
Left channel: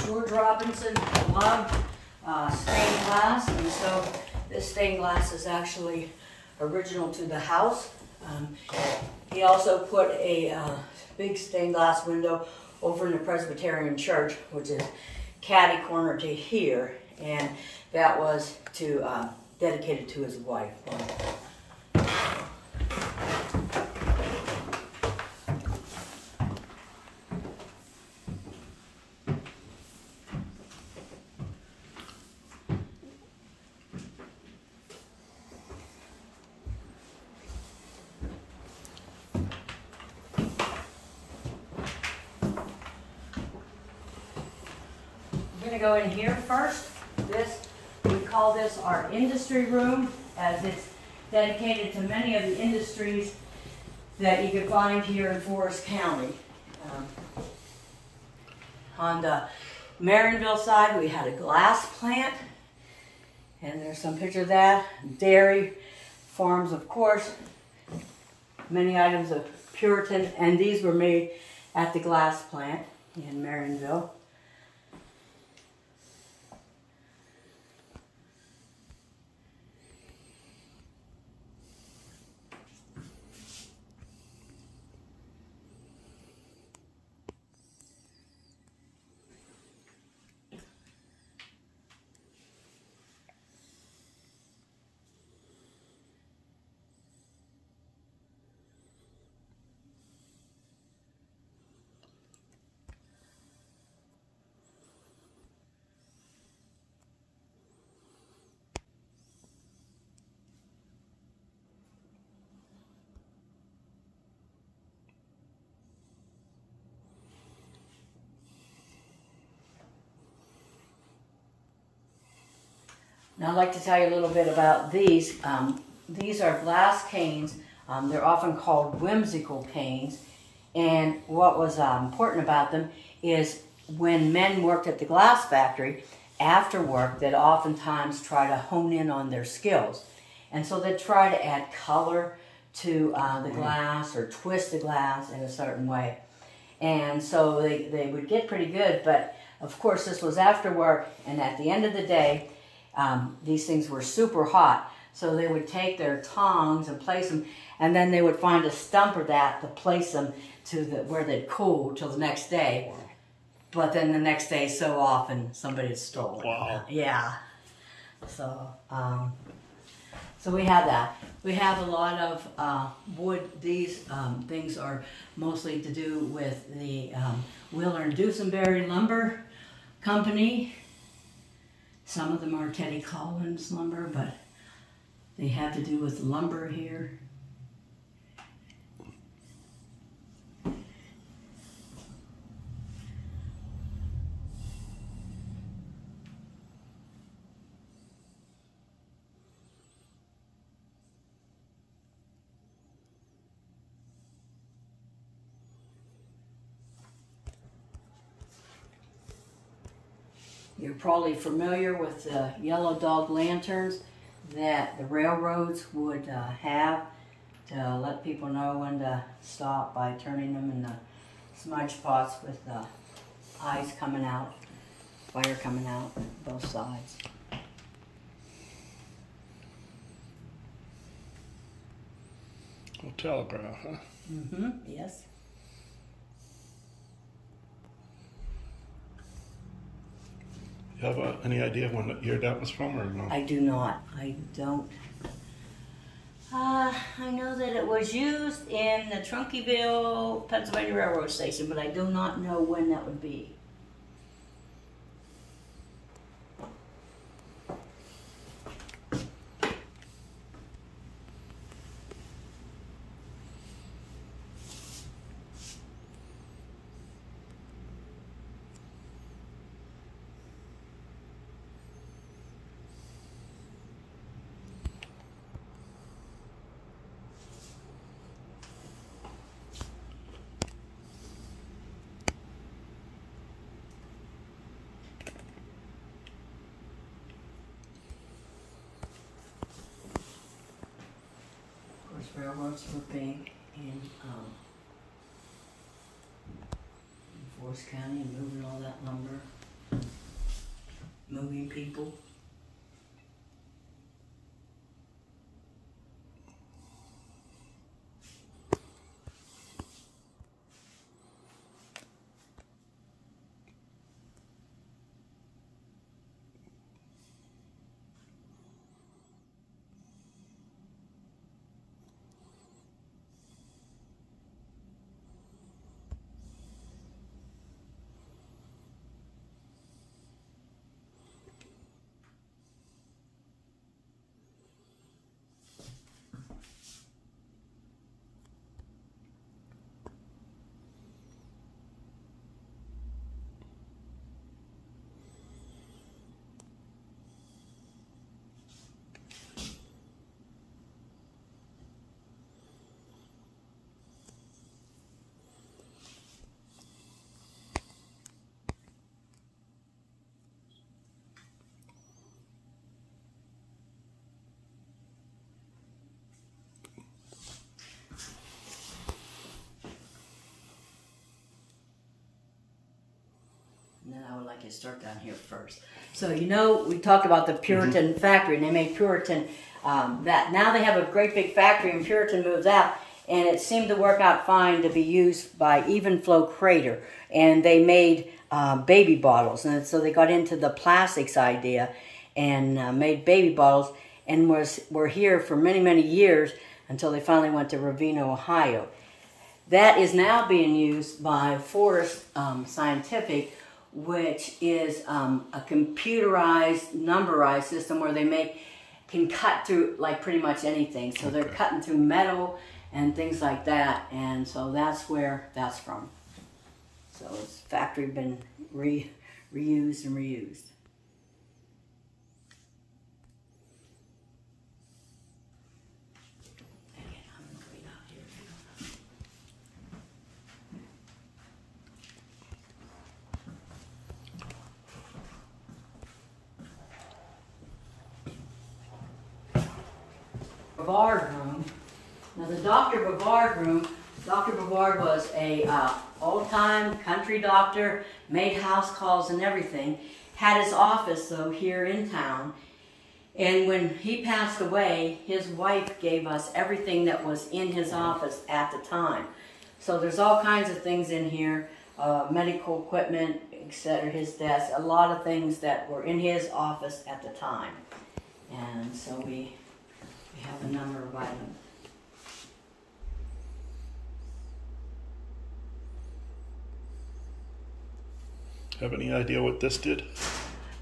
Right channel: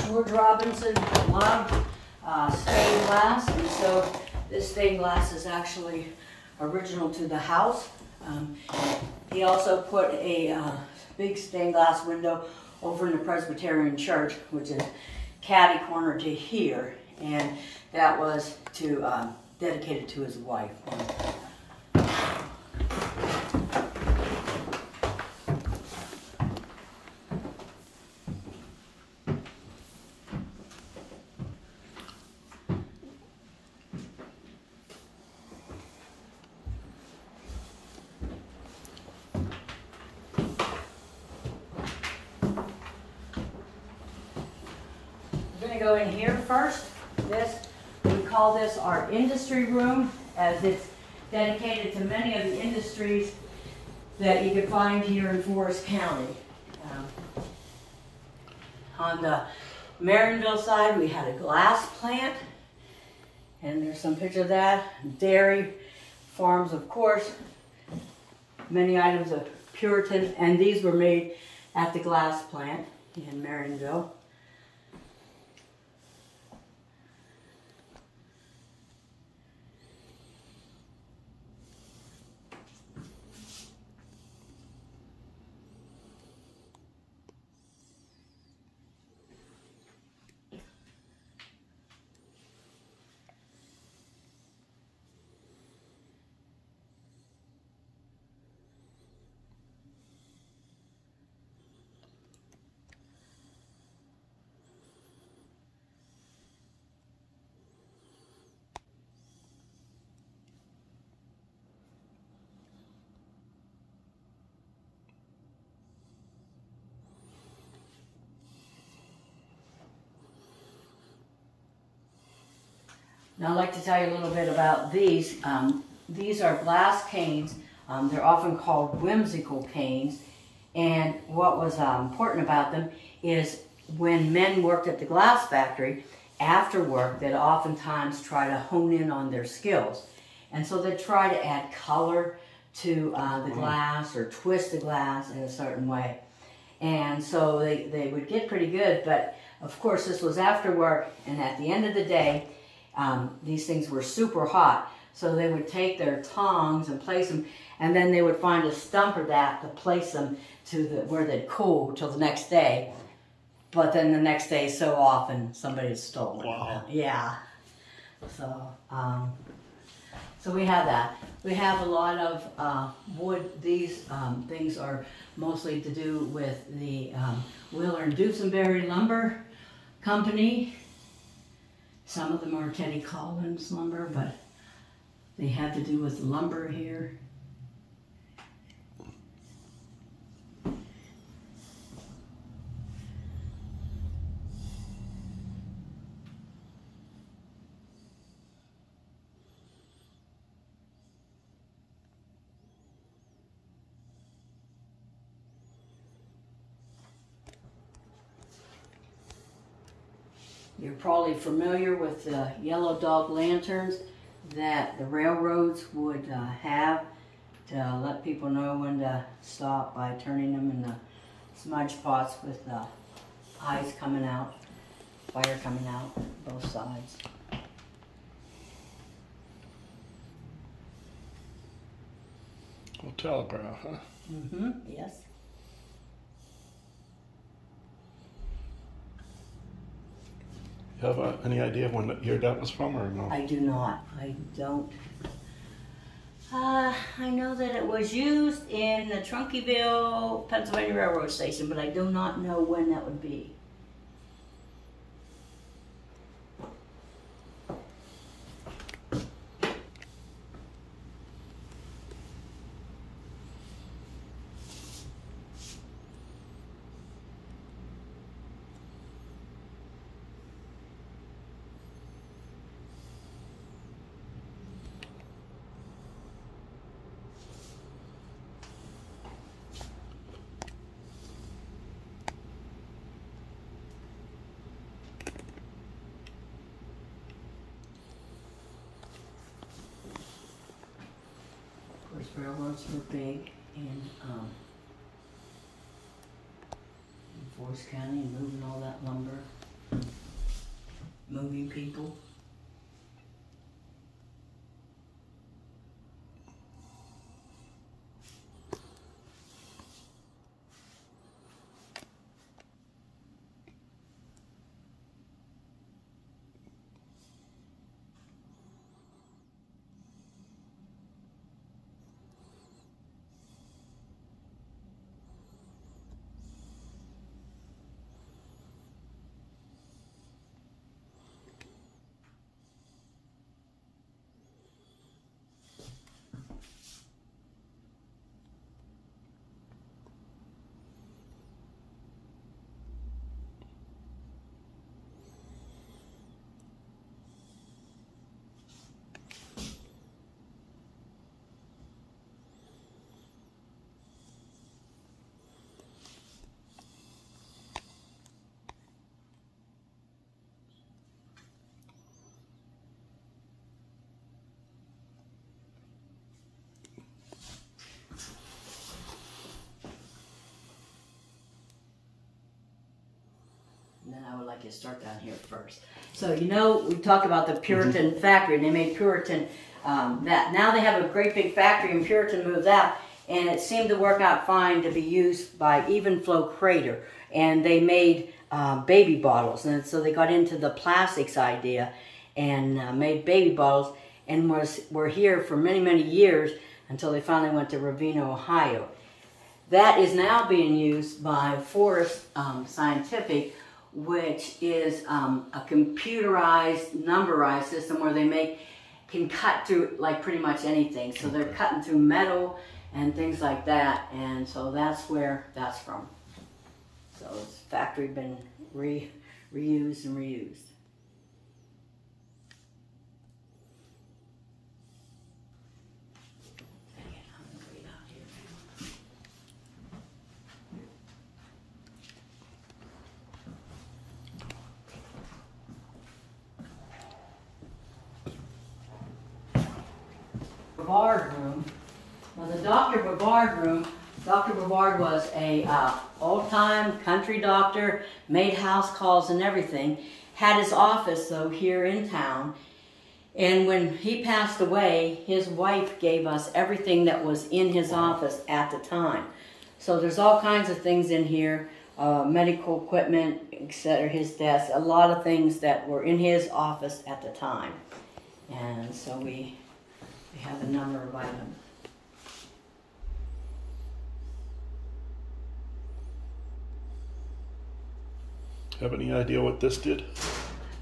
George Robinson loved stained glass, and so this stained glass is actually original to the house. He also put a big stained glass window over in the Presbyterian church, which is catty corner to here, and that was to dedicated to his wife. We're going to go in here first. We call this our industry room, as it's dedicated to many of the industries that you can find here in Forest County. On the Marinville side, we had a glass plant, and there's some picture of that. Dairy farms, of course. Many items of Puritan, and these were made at the glass plant in Marinville. Now I'd like to tell you a little bit about these. These are glass canes. They're often called whimsical canes. And what was important about them is when men worked at the glass factory, after work, they'd oftentimes try to hone in on their skills. And so they'd try to add color to the glass or twist the glass in a certain way. And so they would get pretty good, but of course this was after work, and at the end of the day, these things were super hot, so they would take their tongs and place them, and then they would find a stump or that to place them to where they'd cool till the next day. But then the next day, so often somebody had stolen. Wow. Yeah. So, so we have that. We have a lot of wood. These things are mostly to do with the Wheeler and Dusenberry Lumber Company. Some of them are Teddy Collins lumber, but they have to do with lumber here. You're probably familiar with the yellow dog lanterns that the railroads would have to let people know when to stop by turning them in the smudge spots with the eyes coming out, fire coming out both sides. Oh, telegraph, huh? Mm-hmm, yes. You have any idea when year that was from, or no? I do not. I don't. I know that it was used in the Trunkyville, Pennsylvania Railroad Station, but I do not know when that would be. Railroads were big in Forest County, moving all that lumber, moving people. And then I would like to start down here first. So you know, we talked about the Puritan factory, and they made Puritan that. Now they have a great big factory, and Puritan moved out, and it seemed to work out fine to be used by Even Flow Crater. And they made baby bottles, and so they got into the plastics idea and made baby bottles, and were here for many, many years until they finally went to Ravenna, Ohio. That is now being used by Forest Scientific, which is a computerized, numberized system where they can cut through like pretty much anything. So they're cutting through metal and things like that, and so that's where that's from. So this factory been reused and reused. Bavard room. Now the Dr. Bavard room, Dr. Bavard was a old-time country doctor, made house calls and everything, had his office though here in town, and when he passed away, his wife gave us everything that was in his office at the time. So there's all kinds of things in here, medical equipment, etc., his desk, a lot of things that were in his office at the time. And so we have a number of items. Have any idea what this did?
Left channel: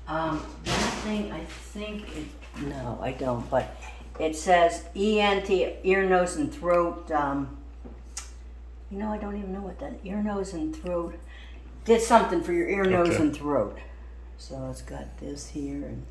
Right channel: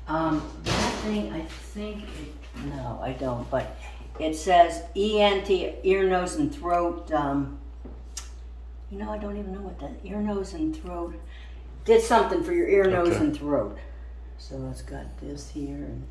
That thing, I think, no, I don't, but it says ENT, ear, nose, and throat. You know, I don't even know what that ear, nose, and throat did something for your ear, nose, and throat. So it's got this here and.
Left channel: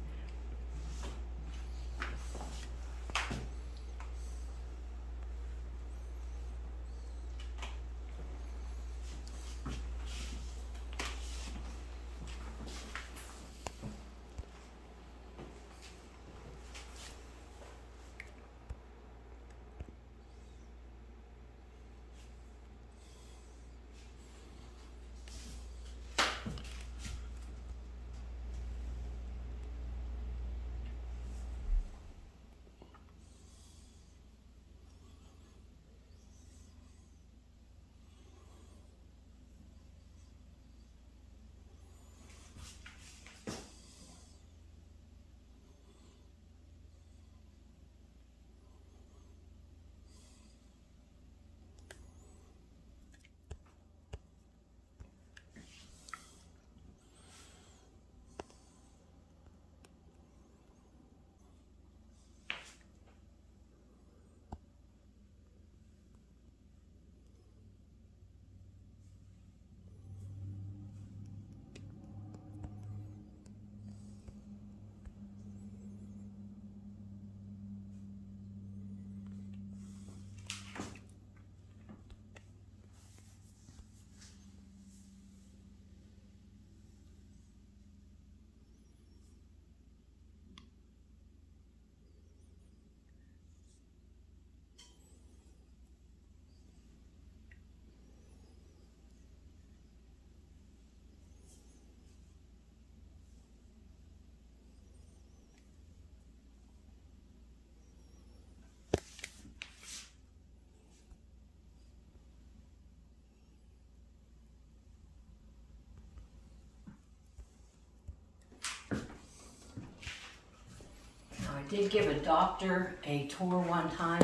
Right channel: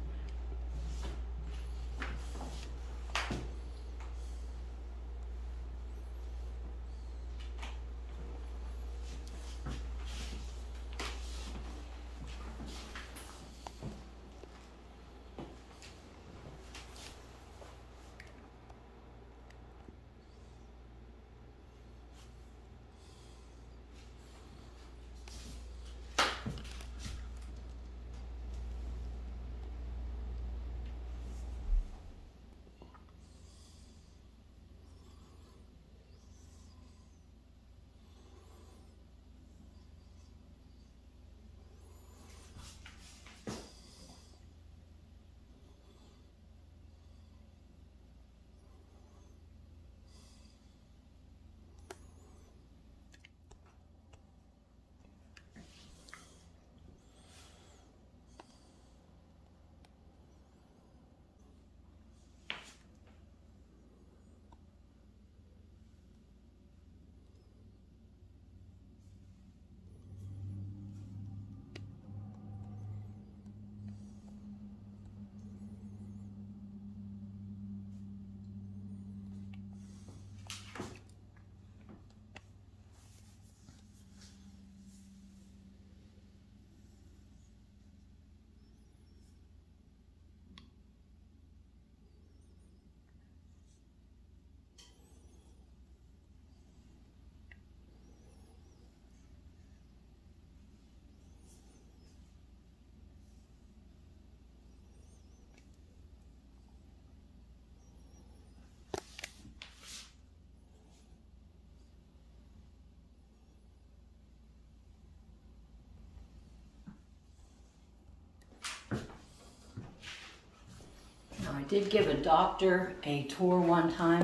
did give a doctor a tour one time,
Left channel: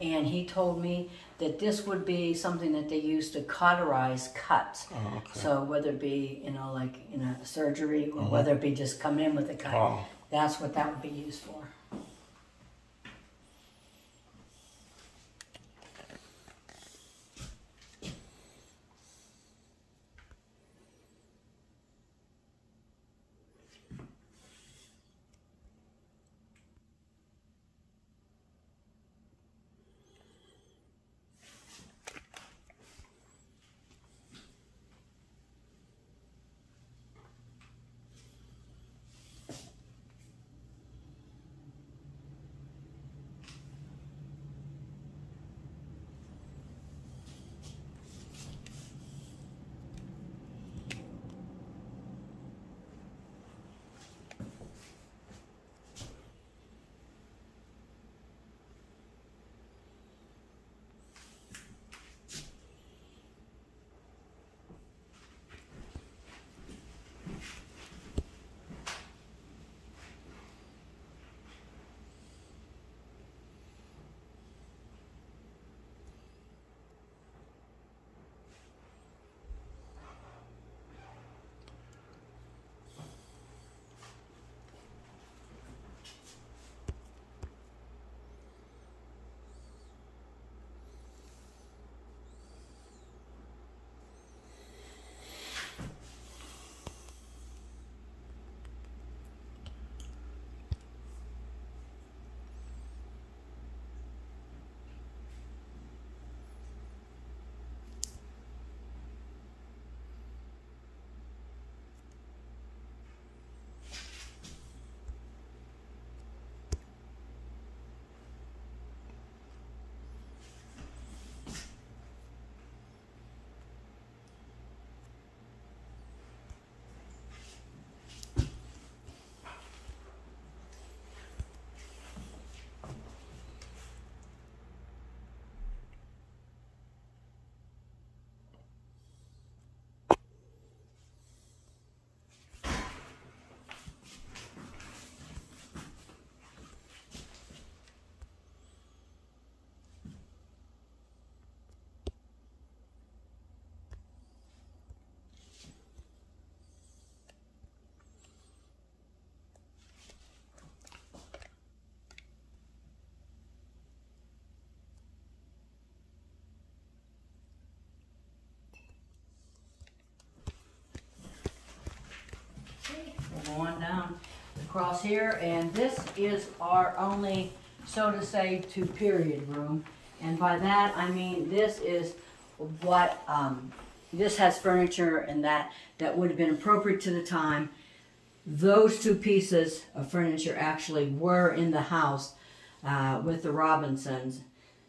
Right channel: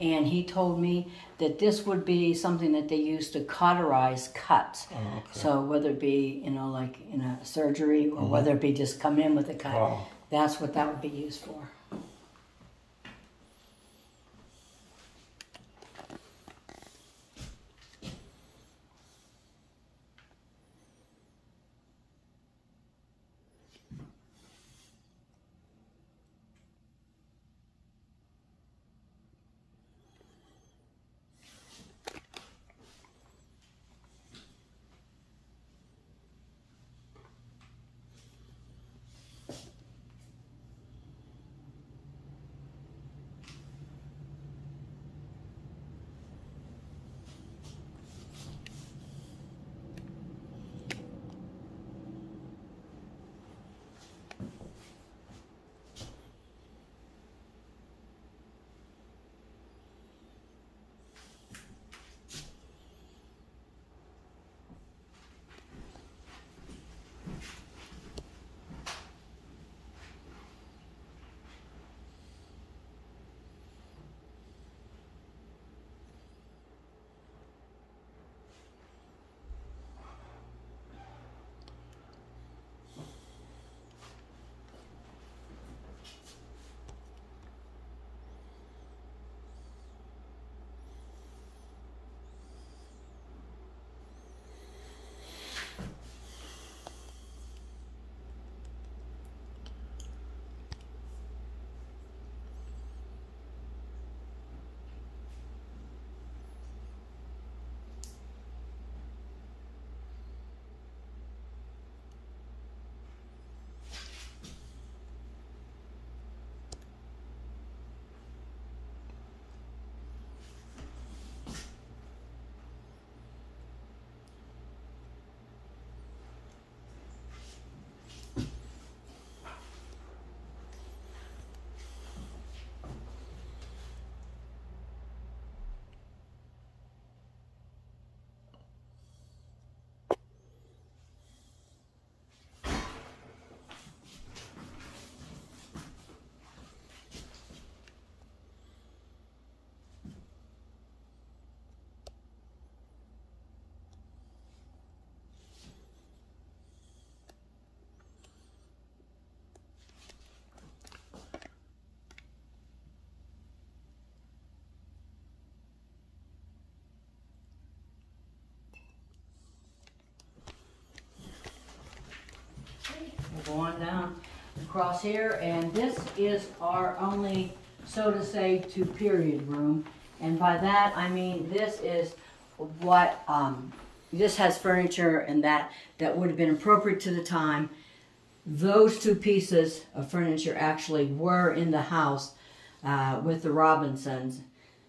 and he told me that this would be something that they use to cauterize cuts. Oh, okay. So whether it be, you know, like in a surgery, or whether it be just come in with a cut, Wow. that's what that would be used for. We'll go on down across here, and this is our only, so to say, two-period room. And by that, I mean this is what, this has furniture and that would have been appropriate to the time. Those two pieces of furniture actually were in the house with the Robinsons.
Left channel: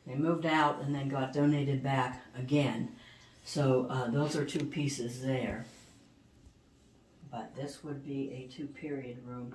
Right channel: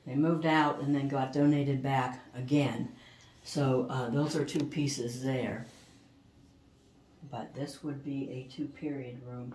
They moved out and then got donated back again. So those are two pieces there. But this would be a two-period room.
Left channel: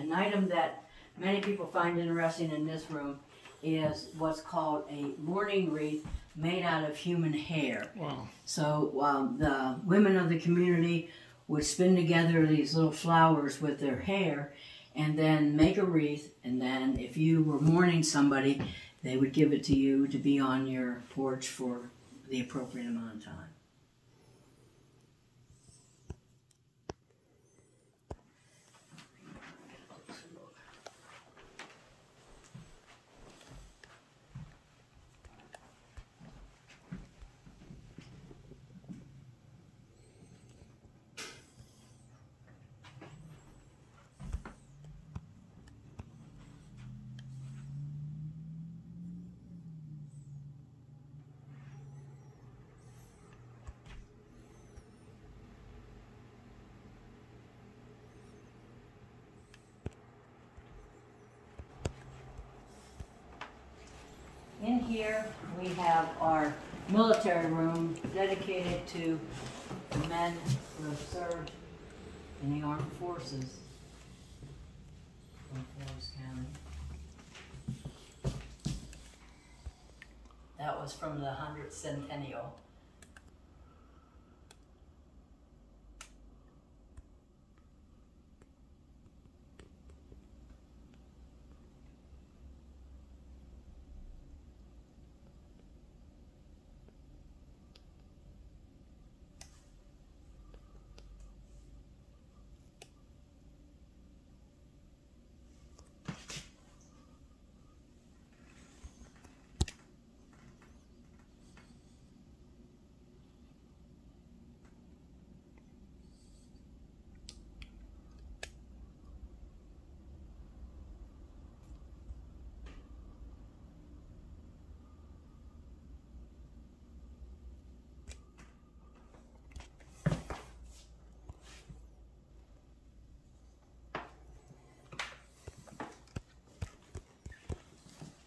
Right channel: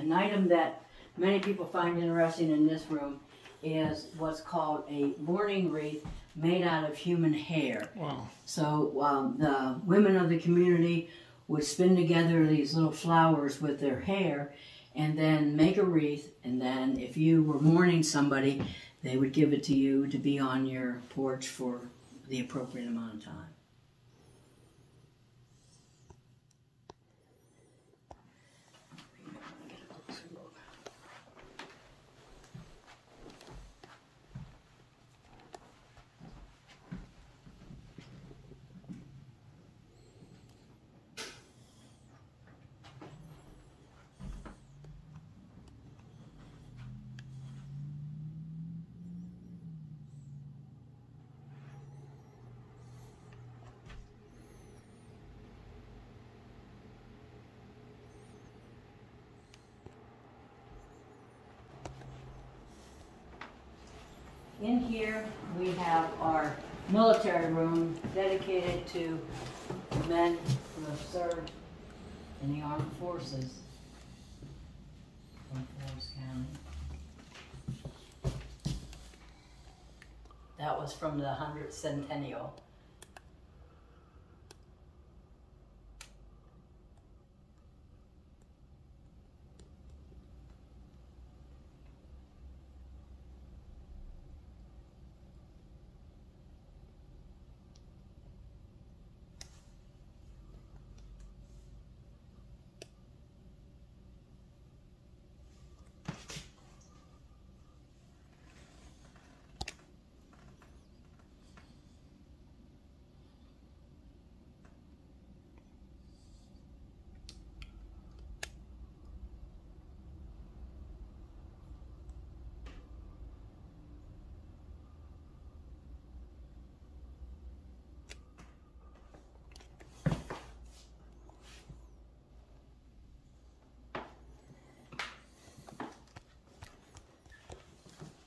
An item that many people find interesting in this room is what's called a mourning wreath made out of human hair. Wow. So the women of the community would spin together these little flowers with their hair and then make a wreath, and then if you were mourning somebody, they would give it to you to be on your porch for the appropriate amount of time. in here we have our military room dedicated to men who have served in the armed forces from Forest County. That was from the 100th centennial.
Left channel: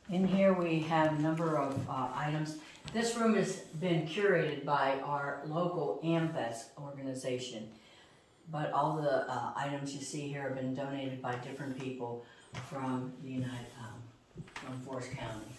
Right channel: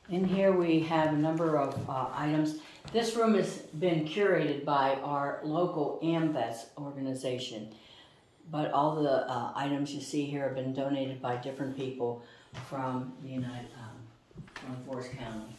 In here we have a number of items. This room has been curated by our local AMVETS organization, but all the items you see here have been donated by different people from the from Forest County.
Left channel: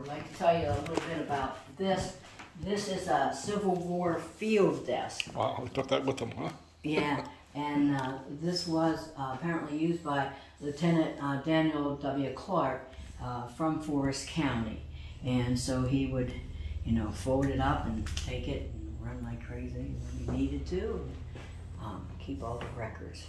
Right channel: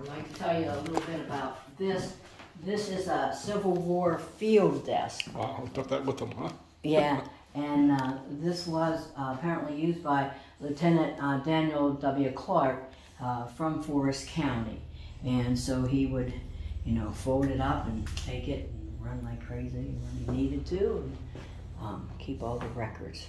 I'd like to tell you a little bit about this. This is a Civil War field desk. Wow, we took that with them, huh? Yeah, and this was apparently used by Lieutenant Daniel W. Clark from Forest County. And so he would, fold it up and take it and run like crazy when he needed to, and keep all the records.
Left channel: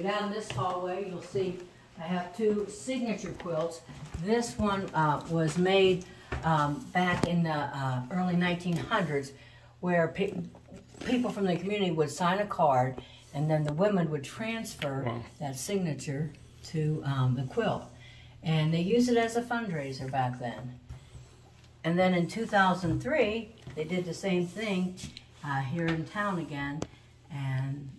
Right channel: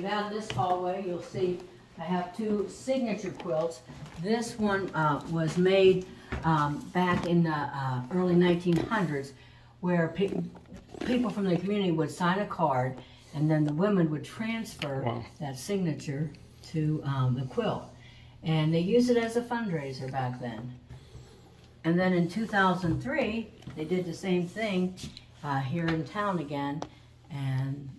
go down this hallway, you'll see I have two signature quilts. This one was made back in the early 1900s, where people from the community would sign a card, and then the women would transfer that signature to the quilt. And they used it as a fundraiser back then. And then in 2003, they did the same thing here in town again, and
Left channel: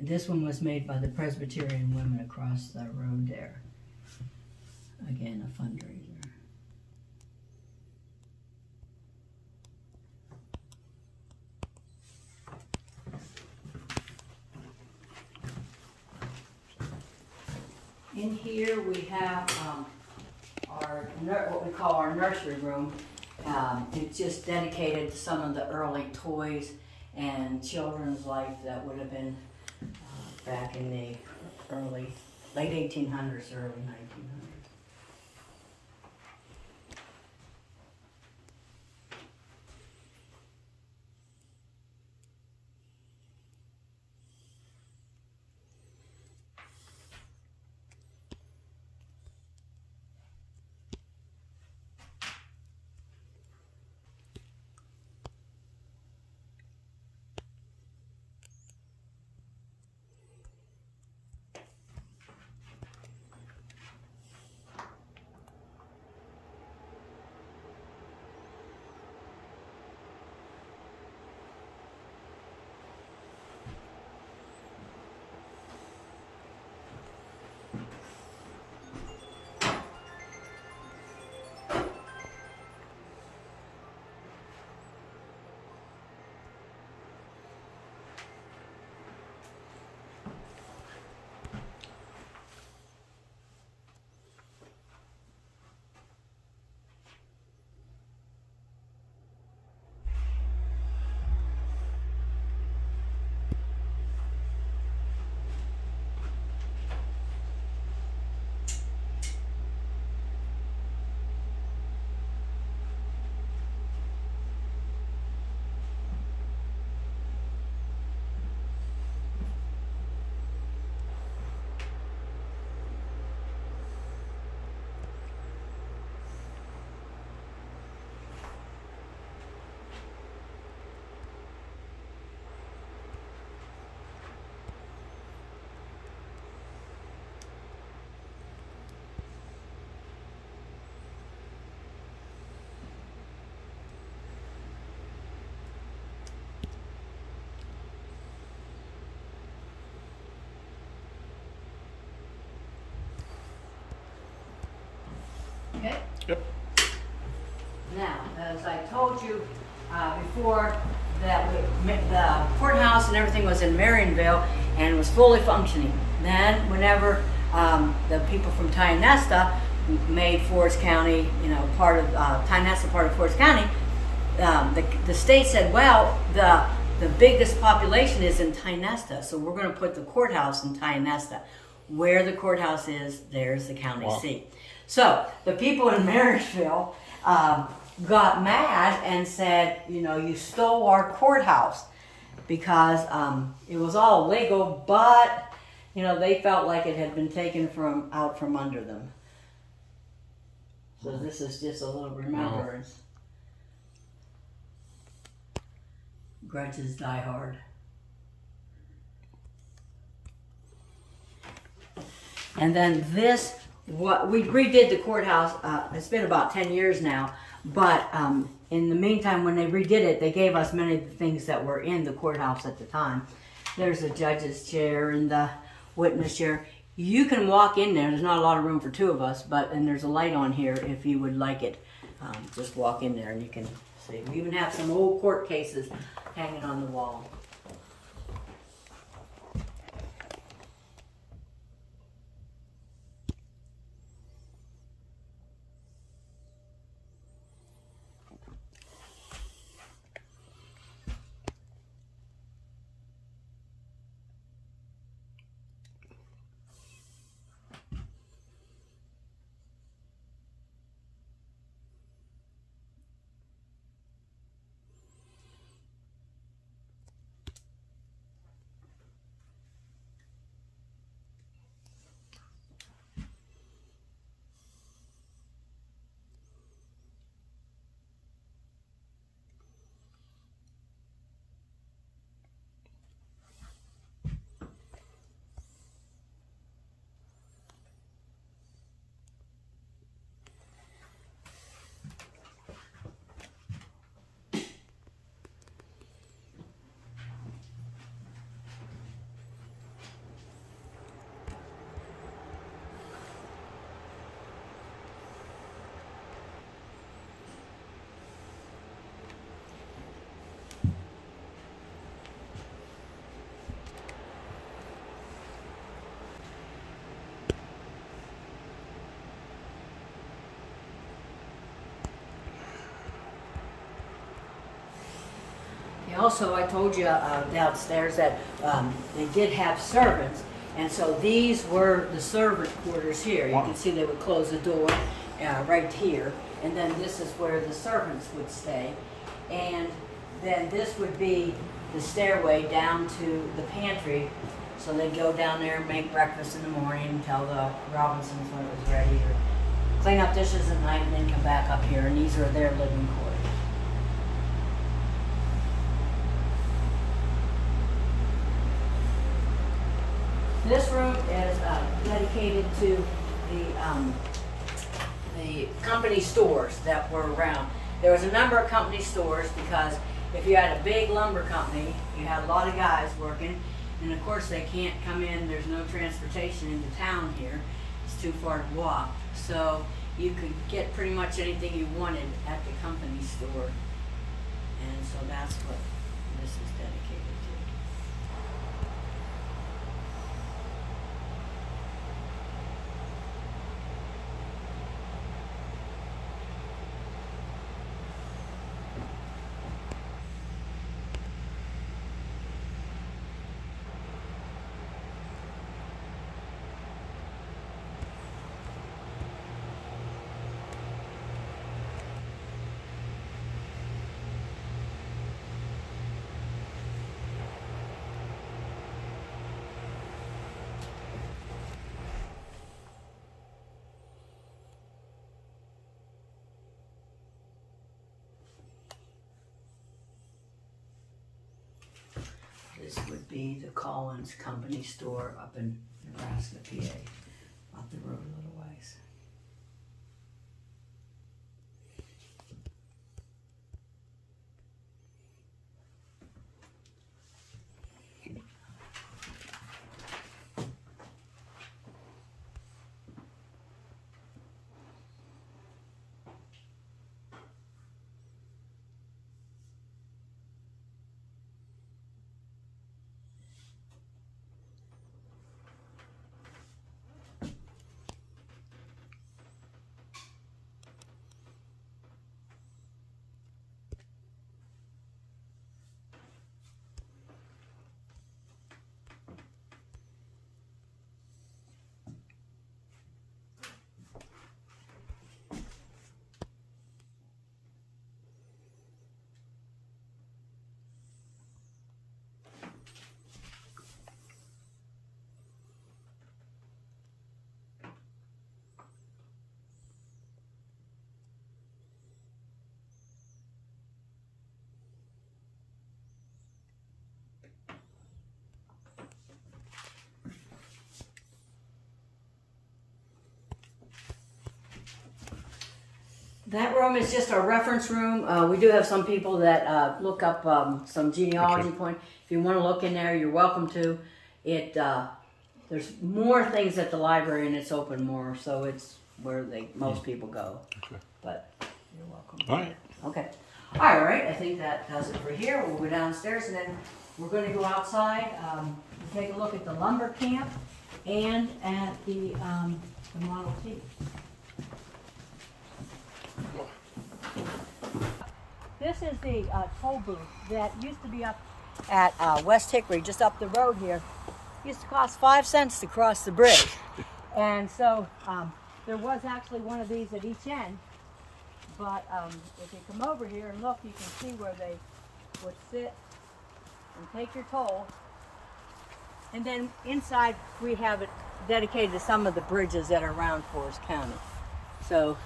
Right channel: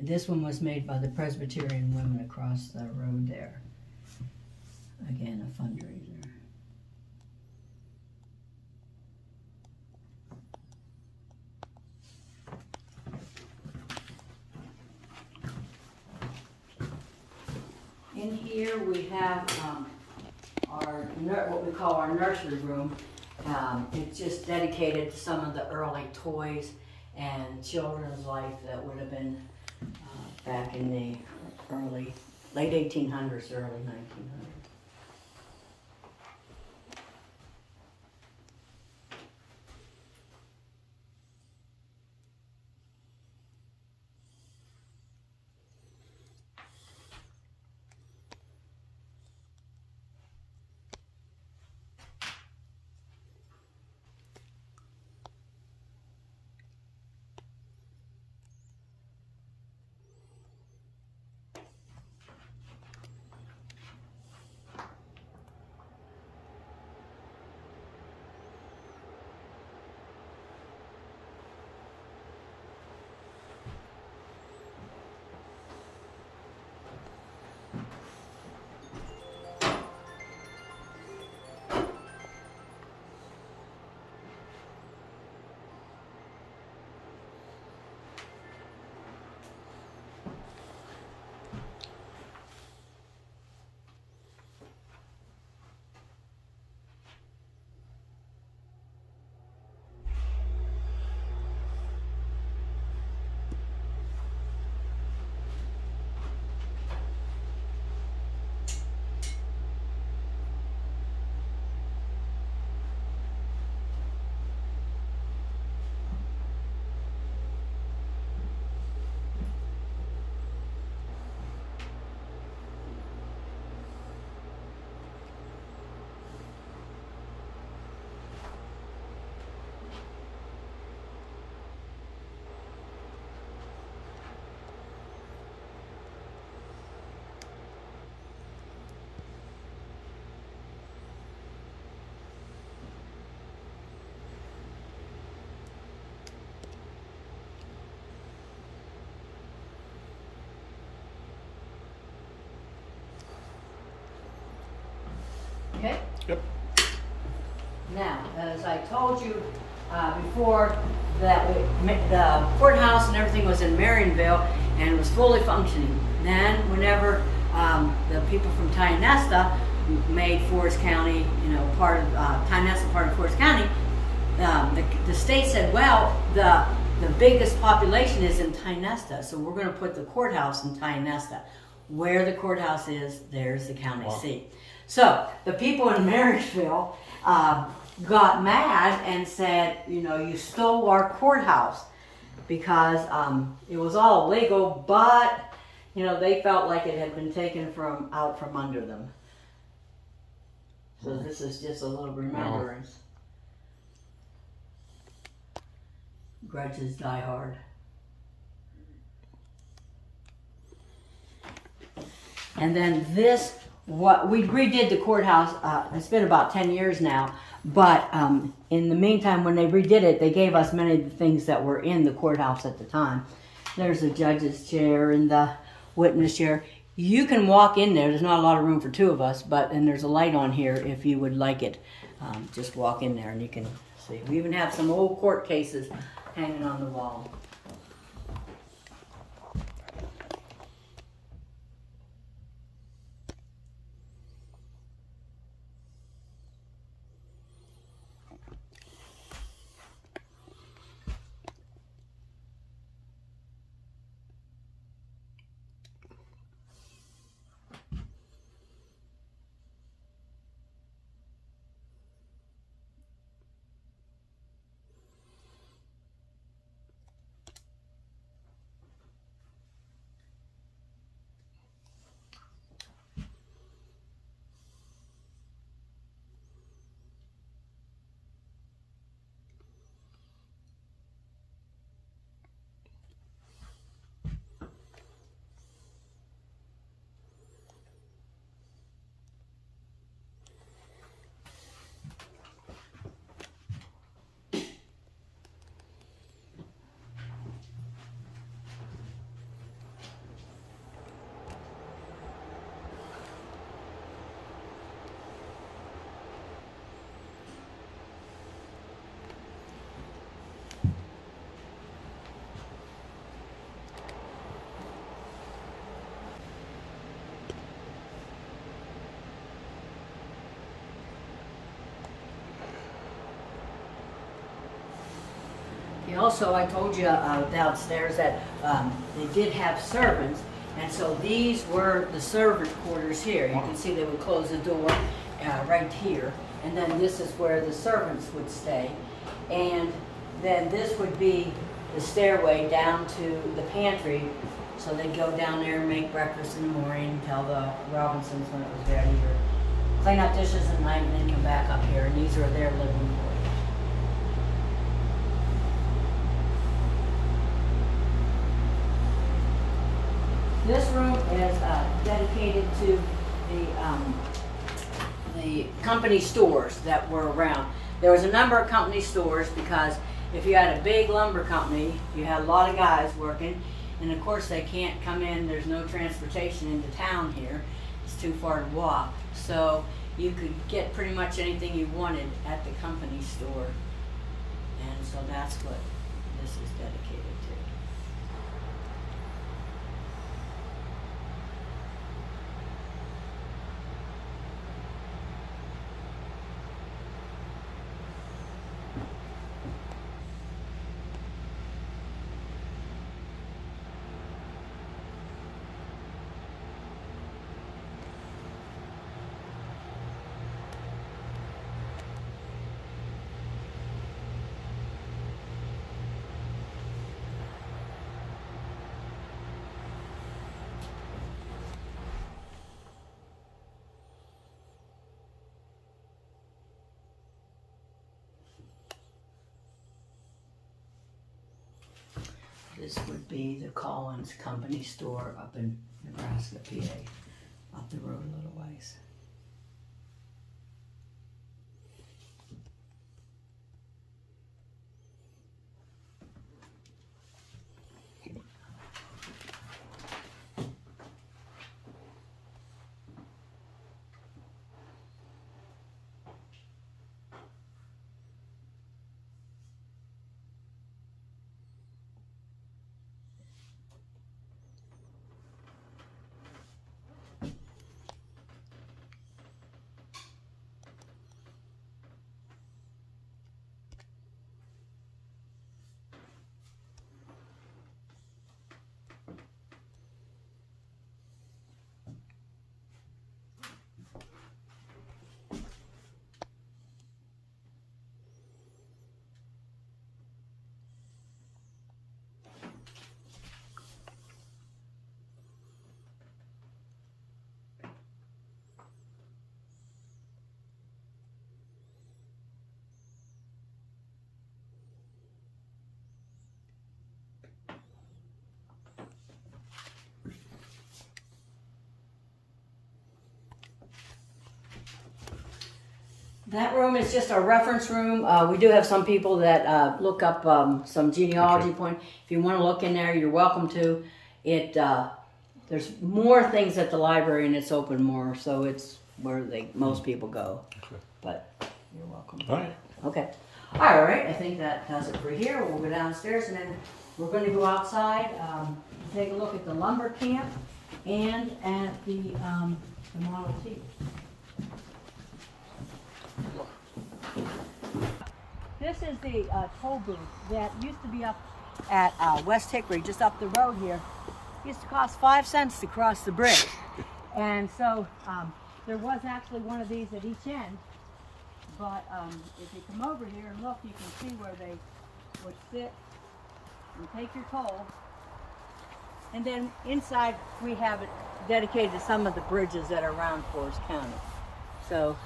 this one was made by the Presbyterian women across the road there. Again, a fundraiser. In here we have what we call our nursery room. It's just dedicated to some of the early toys and children's life that would have been back in the late 1800s, early 1900s. Okay? Yep. Now, as I told you before, that the courthouse and everything was in Marionville and was fully functioning. Then, whenever the people from Tionesta made Forest County, part of Tionesta, part of Forest County, the state said, well, the biggest population is in Tionesta, so we're going to put the courthouse in Tionesta. Where the courthouse is, there's the county seat. So the people in Marysville got mad and said, you stole our courthouse, because it was all legal, but they felt like it had been taken out from under them. So this is just a little remembrance. Grudges die hard. And then we redid the courthouse. It's been about 10 years now, but in the meantime, when they redid it, they gave us many things that were in the courthouse at the time. There's the judge's chair and the witness chair. You can walk in there. There's not a lot of room for two of us, and there's a light on here if you would like it. Just walk in there and you can see. We even have some old court cases hanging on the wall. also I told you downstairs that they did have servants, and so these were the servant quarters here. You can see they would close the door right here, and then this is where the servants would stay, and then this would be the stairway down to the pantry. So they'd go down there and make breakfast in the morning, tell the Robinsons when it was ready, or clean up dishes at night, and then come back up here, and these are their living quarters. This room is dedicated to the company stores that were around. There was a number of company stores because if you had a big lumber company, you had a lot of guys working, and of course they can't come in, there's no transportation into town here, it's too far to walk. So you could get pretty much anything you wanted at the company store. And so that's what this is dedicated to. This would be the Collins Company store up in Nebraska, PA, up the road a little ways. That room is just a reference room. We do have some people that look up some genealogy point. If you want to look in there, you're welcome to. There's more things at the library, and it's open more, so it's where most people go. Okay. But you're welcome. All right. Okay. All right. I think that does it for here. We'll go downstairs, and then we're going to go outside, take a look at the lumber camp, and at the Model T. This is the toll booth that used to be up at West Hickory, just up the road here. It used to cost 5 cents to cross the bridge. And so there was actually one of these at each end. But if you come over here and look, you can see where they would sit and take your toll. And then inside we have it dedicated to some of the bridges that are around Forest County. So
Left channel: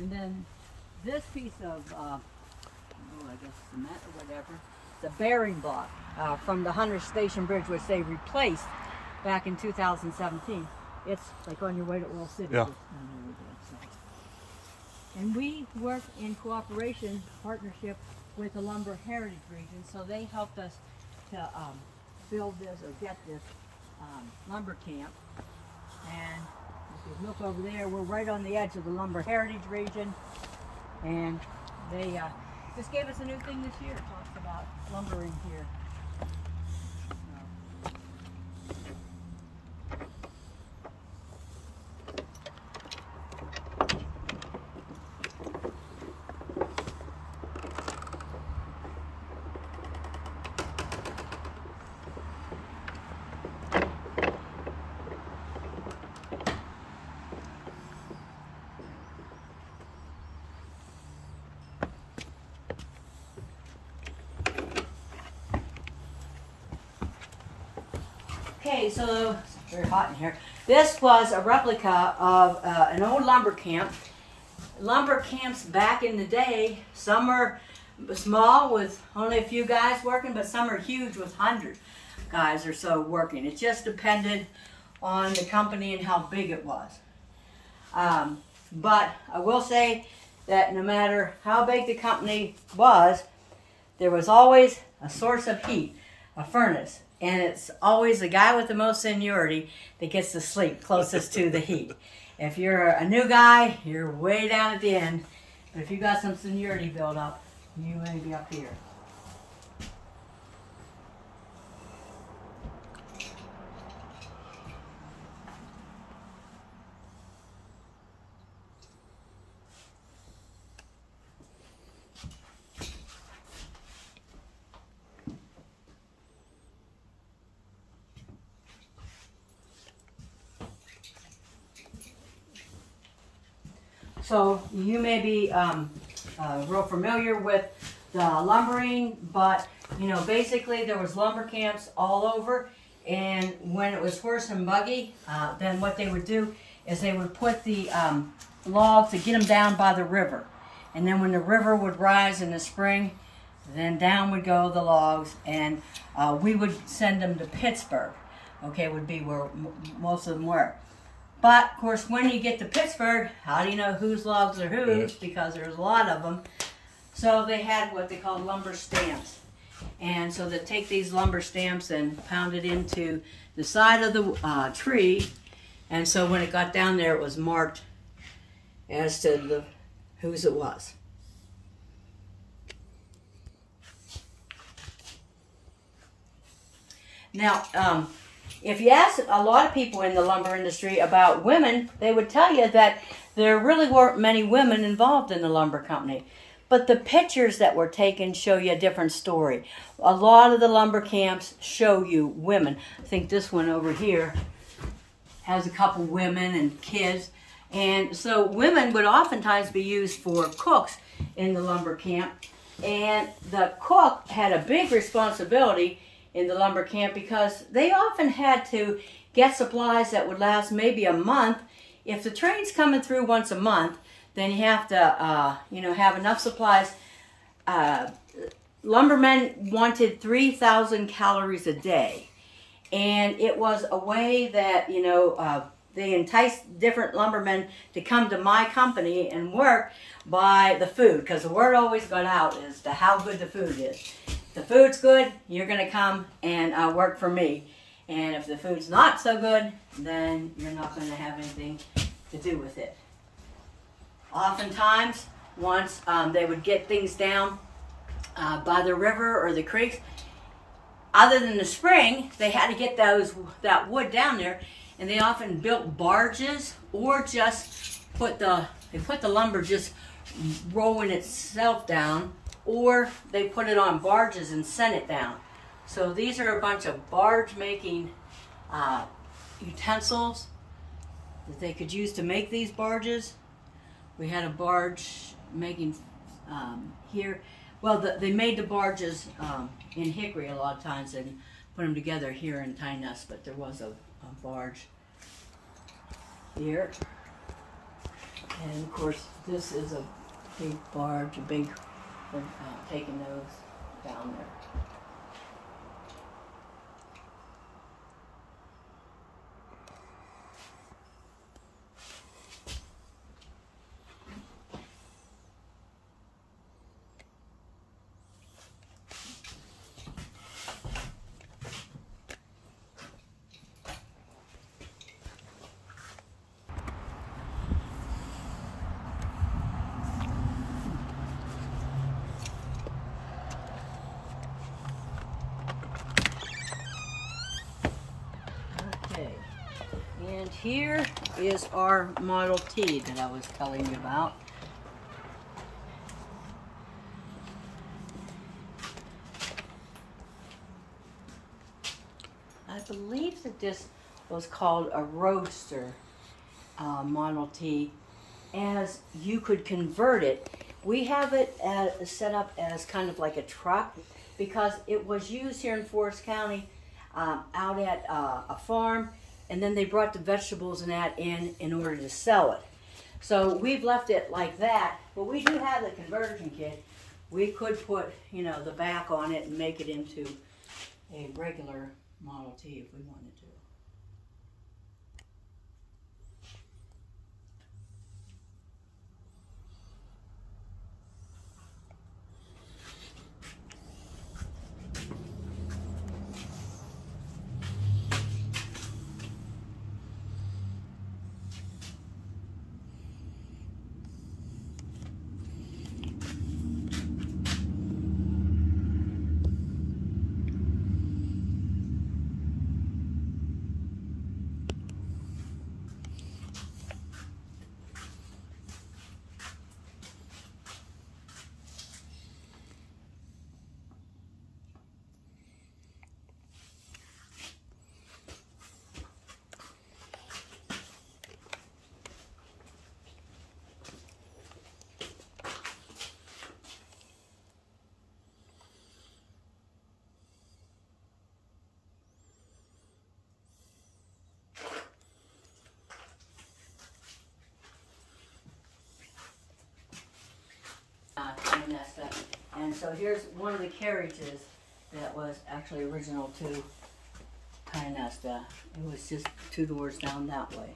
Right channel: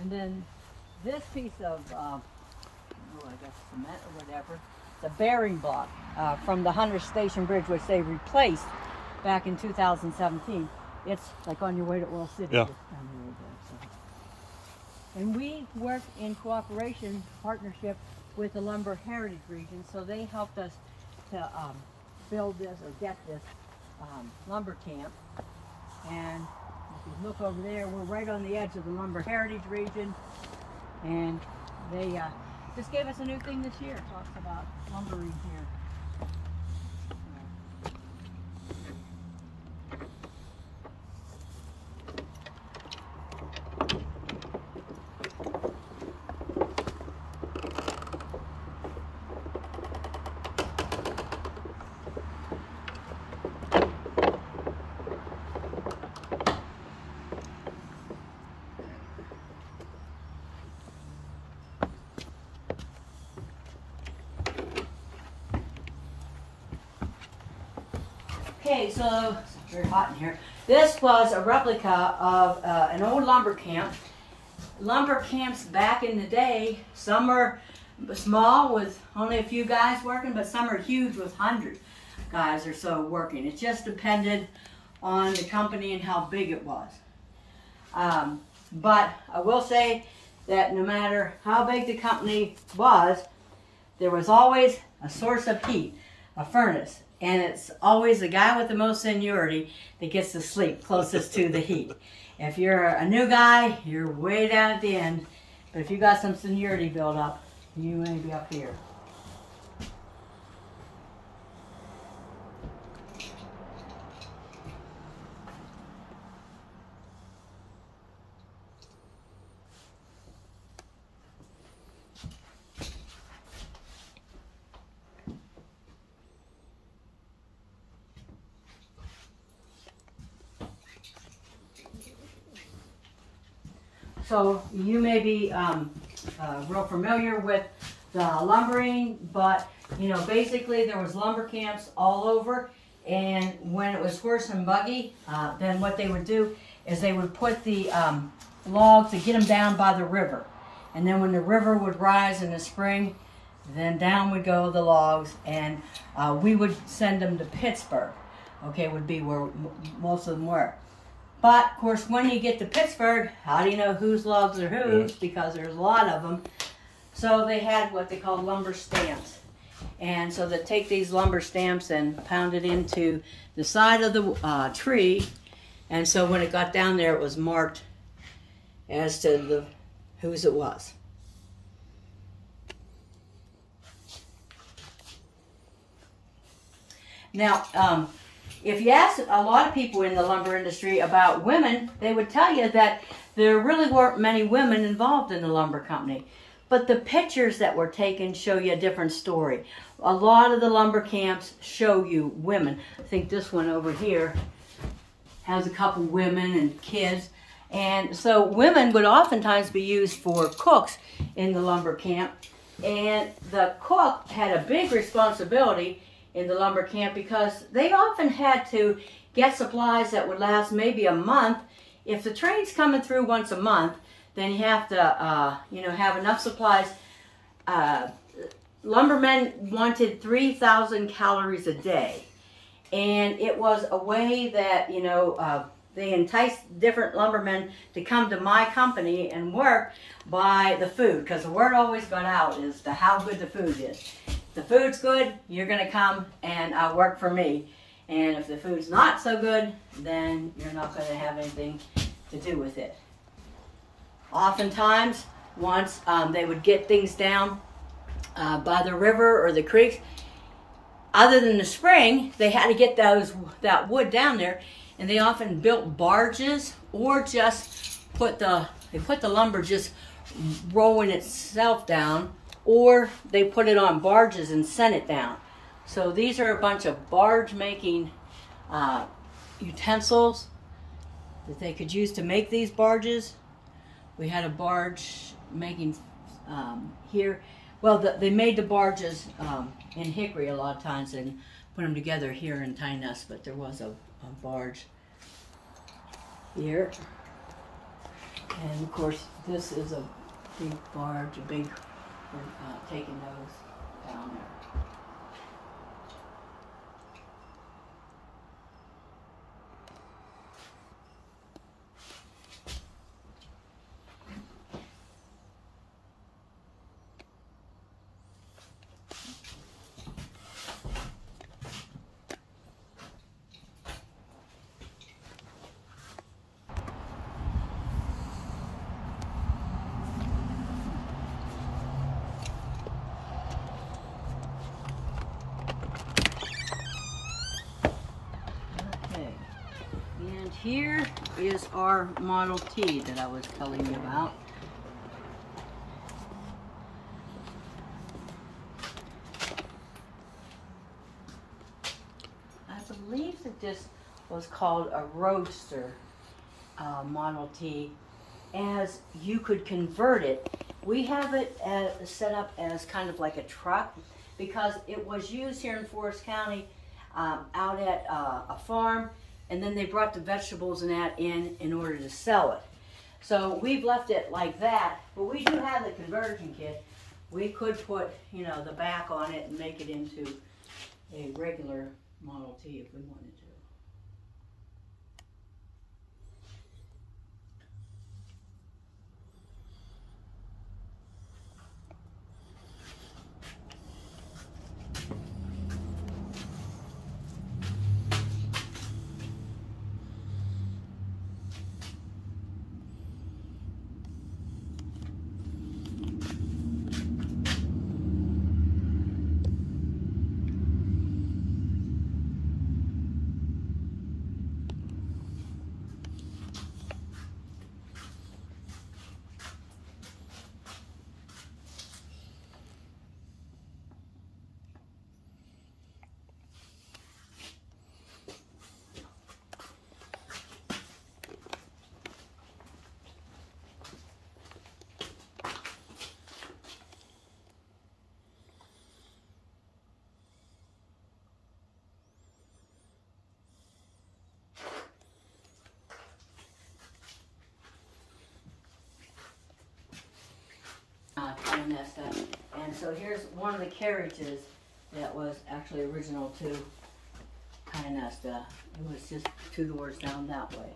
and then this piece of, I guess cement or whatever, the bearing block from the Hunter Station Bridge, which they replaced back in 2017. It's like on your way to Oil City. Yeah. And we work in cooperation, partnership with the Lumber Heritage Region, so they helped us to build this or get this lumber camp. And You look over there, we're right on the edge of the lumber heritage region, and they just gave us a new thing this year. It talks about lumbering here. Okay, so it's very hot in here. This was a replica of an old lumber camp. Lumber camps back in the day, some are small with only a few guys working, but some are huge with hundreds of guys or so working. It just depended on the company and how big it was. But I will say that no matter how big the company was, there was always a source of heat, a furnace. And it's always the guy with the most seniority that gets to sleep closest to the heat. If you're a new guy, you're way down at the end. But if you got some seniority built up, you may be up here. So you may be real familiar with the lumbering, but you know, basically there was lumber camps all over, and when it was horse and buggy, then what they would do is they would put the logs to get them down by the river, and then when the river would rise in the spring, then down would go the logs, and we would send them to Pittsburgh. Okay, would be where most of them were. But, of course, when you get to Pittsburgh, how do you know whose logs are whose? Because there's a lot of them. So they had what they called lumber stamps. And so they take these lumber stamps and pound it into the side of the tree. And so when it got down there, it was marked as to whose it was. Now, if you ask a lot of people in the lumber industry about women, they would tell you that there really weren't many women involved in the lumber company. But the pictures that were taken show you a different story. A lot of the lumber camps show you women. I think this one over here has a couple women and kids. And so women would oftentimes be used for cooks in the lumber camp. And the cook had a big responsibility in the lumber camp because they often had to get supplies that would last maybe a month. If the train's coming through once a month, then you have to, have enough supplies. Lumbermen wanted 3,000 calories a day, and it was a way that they enticed different lumbermen to come to my company and work by the food, because the word always got out as to how good the food is. If the food's good, you're going to come and work for me. And if the food's not so good, then you're not going to have anything to do with it. Oftentimes, once they would get things down by the river or the creeks, other than the spring, they had to get that wood down there, and they often built barges or just put the lumber just rolling itself down, or they put it on barges and sent it down. So these are a bunch of barge making utensils that they could use to make these barges. We had a barge making here. Well, they made the barges in hickory a lot of times and put them together here in Tiny Nest, but there was a barge here. And of course, this is a big barge, taking those down there. here is our Model T that I was telling you about. I believe that this was called a Roadster Model T, as you could convert it. We have it set up as kind of like a truck because it was used here in Forest County out at a farm, and then they brought the vegetables and that in order to sell it. So we've left it like that, but we do have the conversion kit. We could put, you know, the back on it and make it into a regular Model T if we wanted to. Messed up. And so here's one of the carriages that was actually original too, kind of messed up. It was just 2 doors down that way.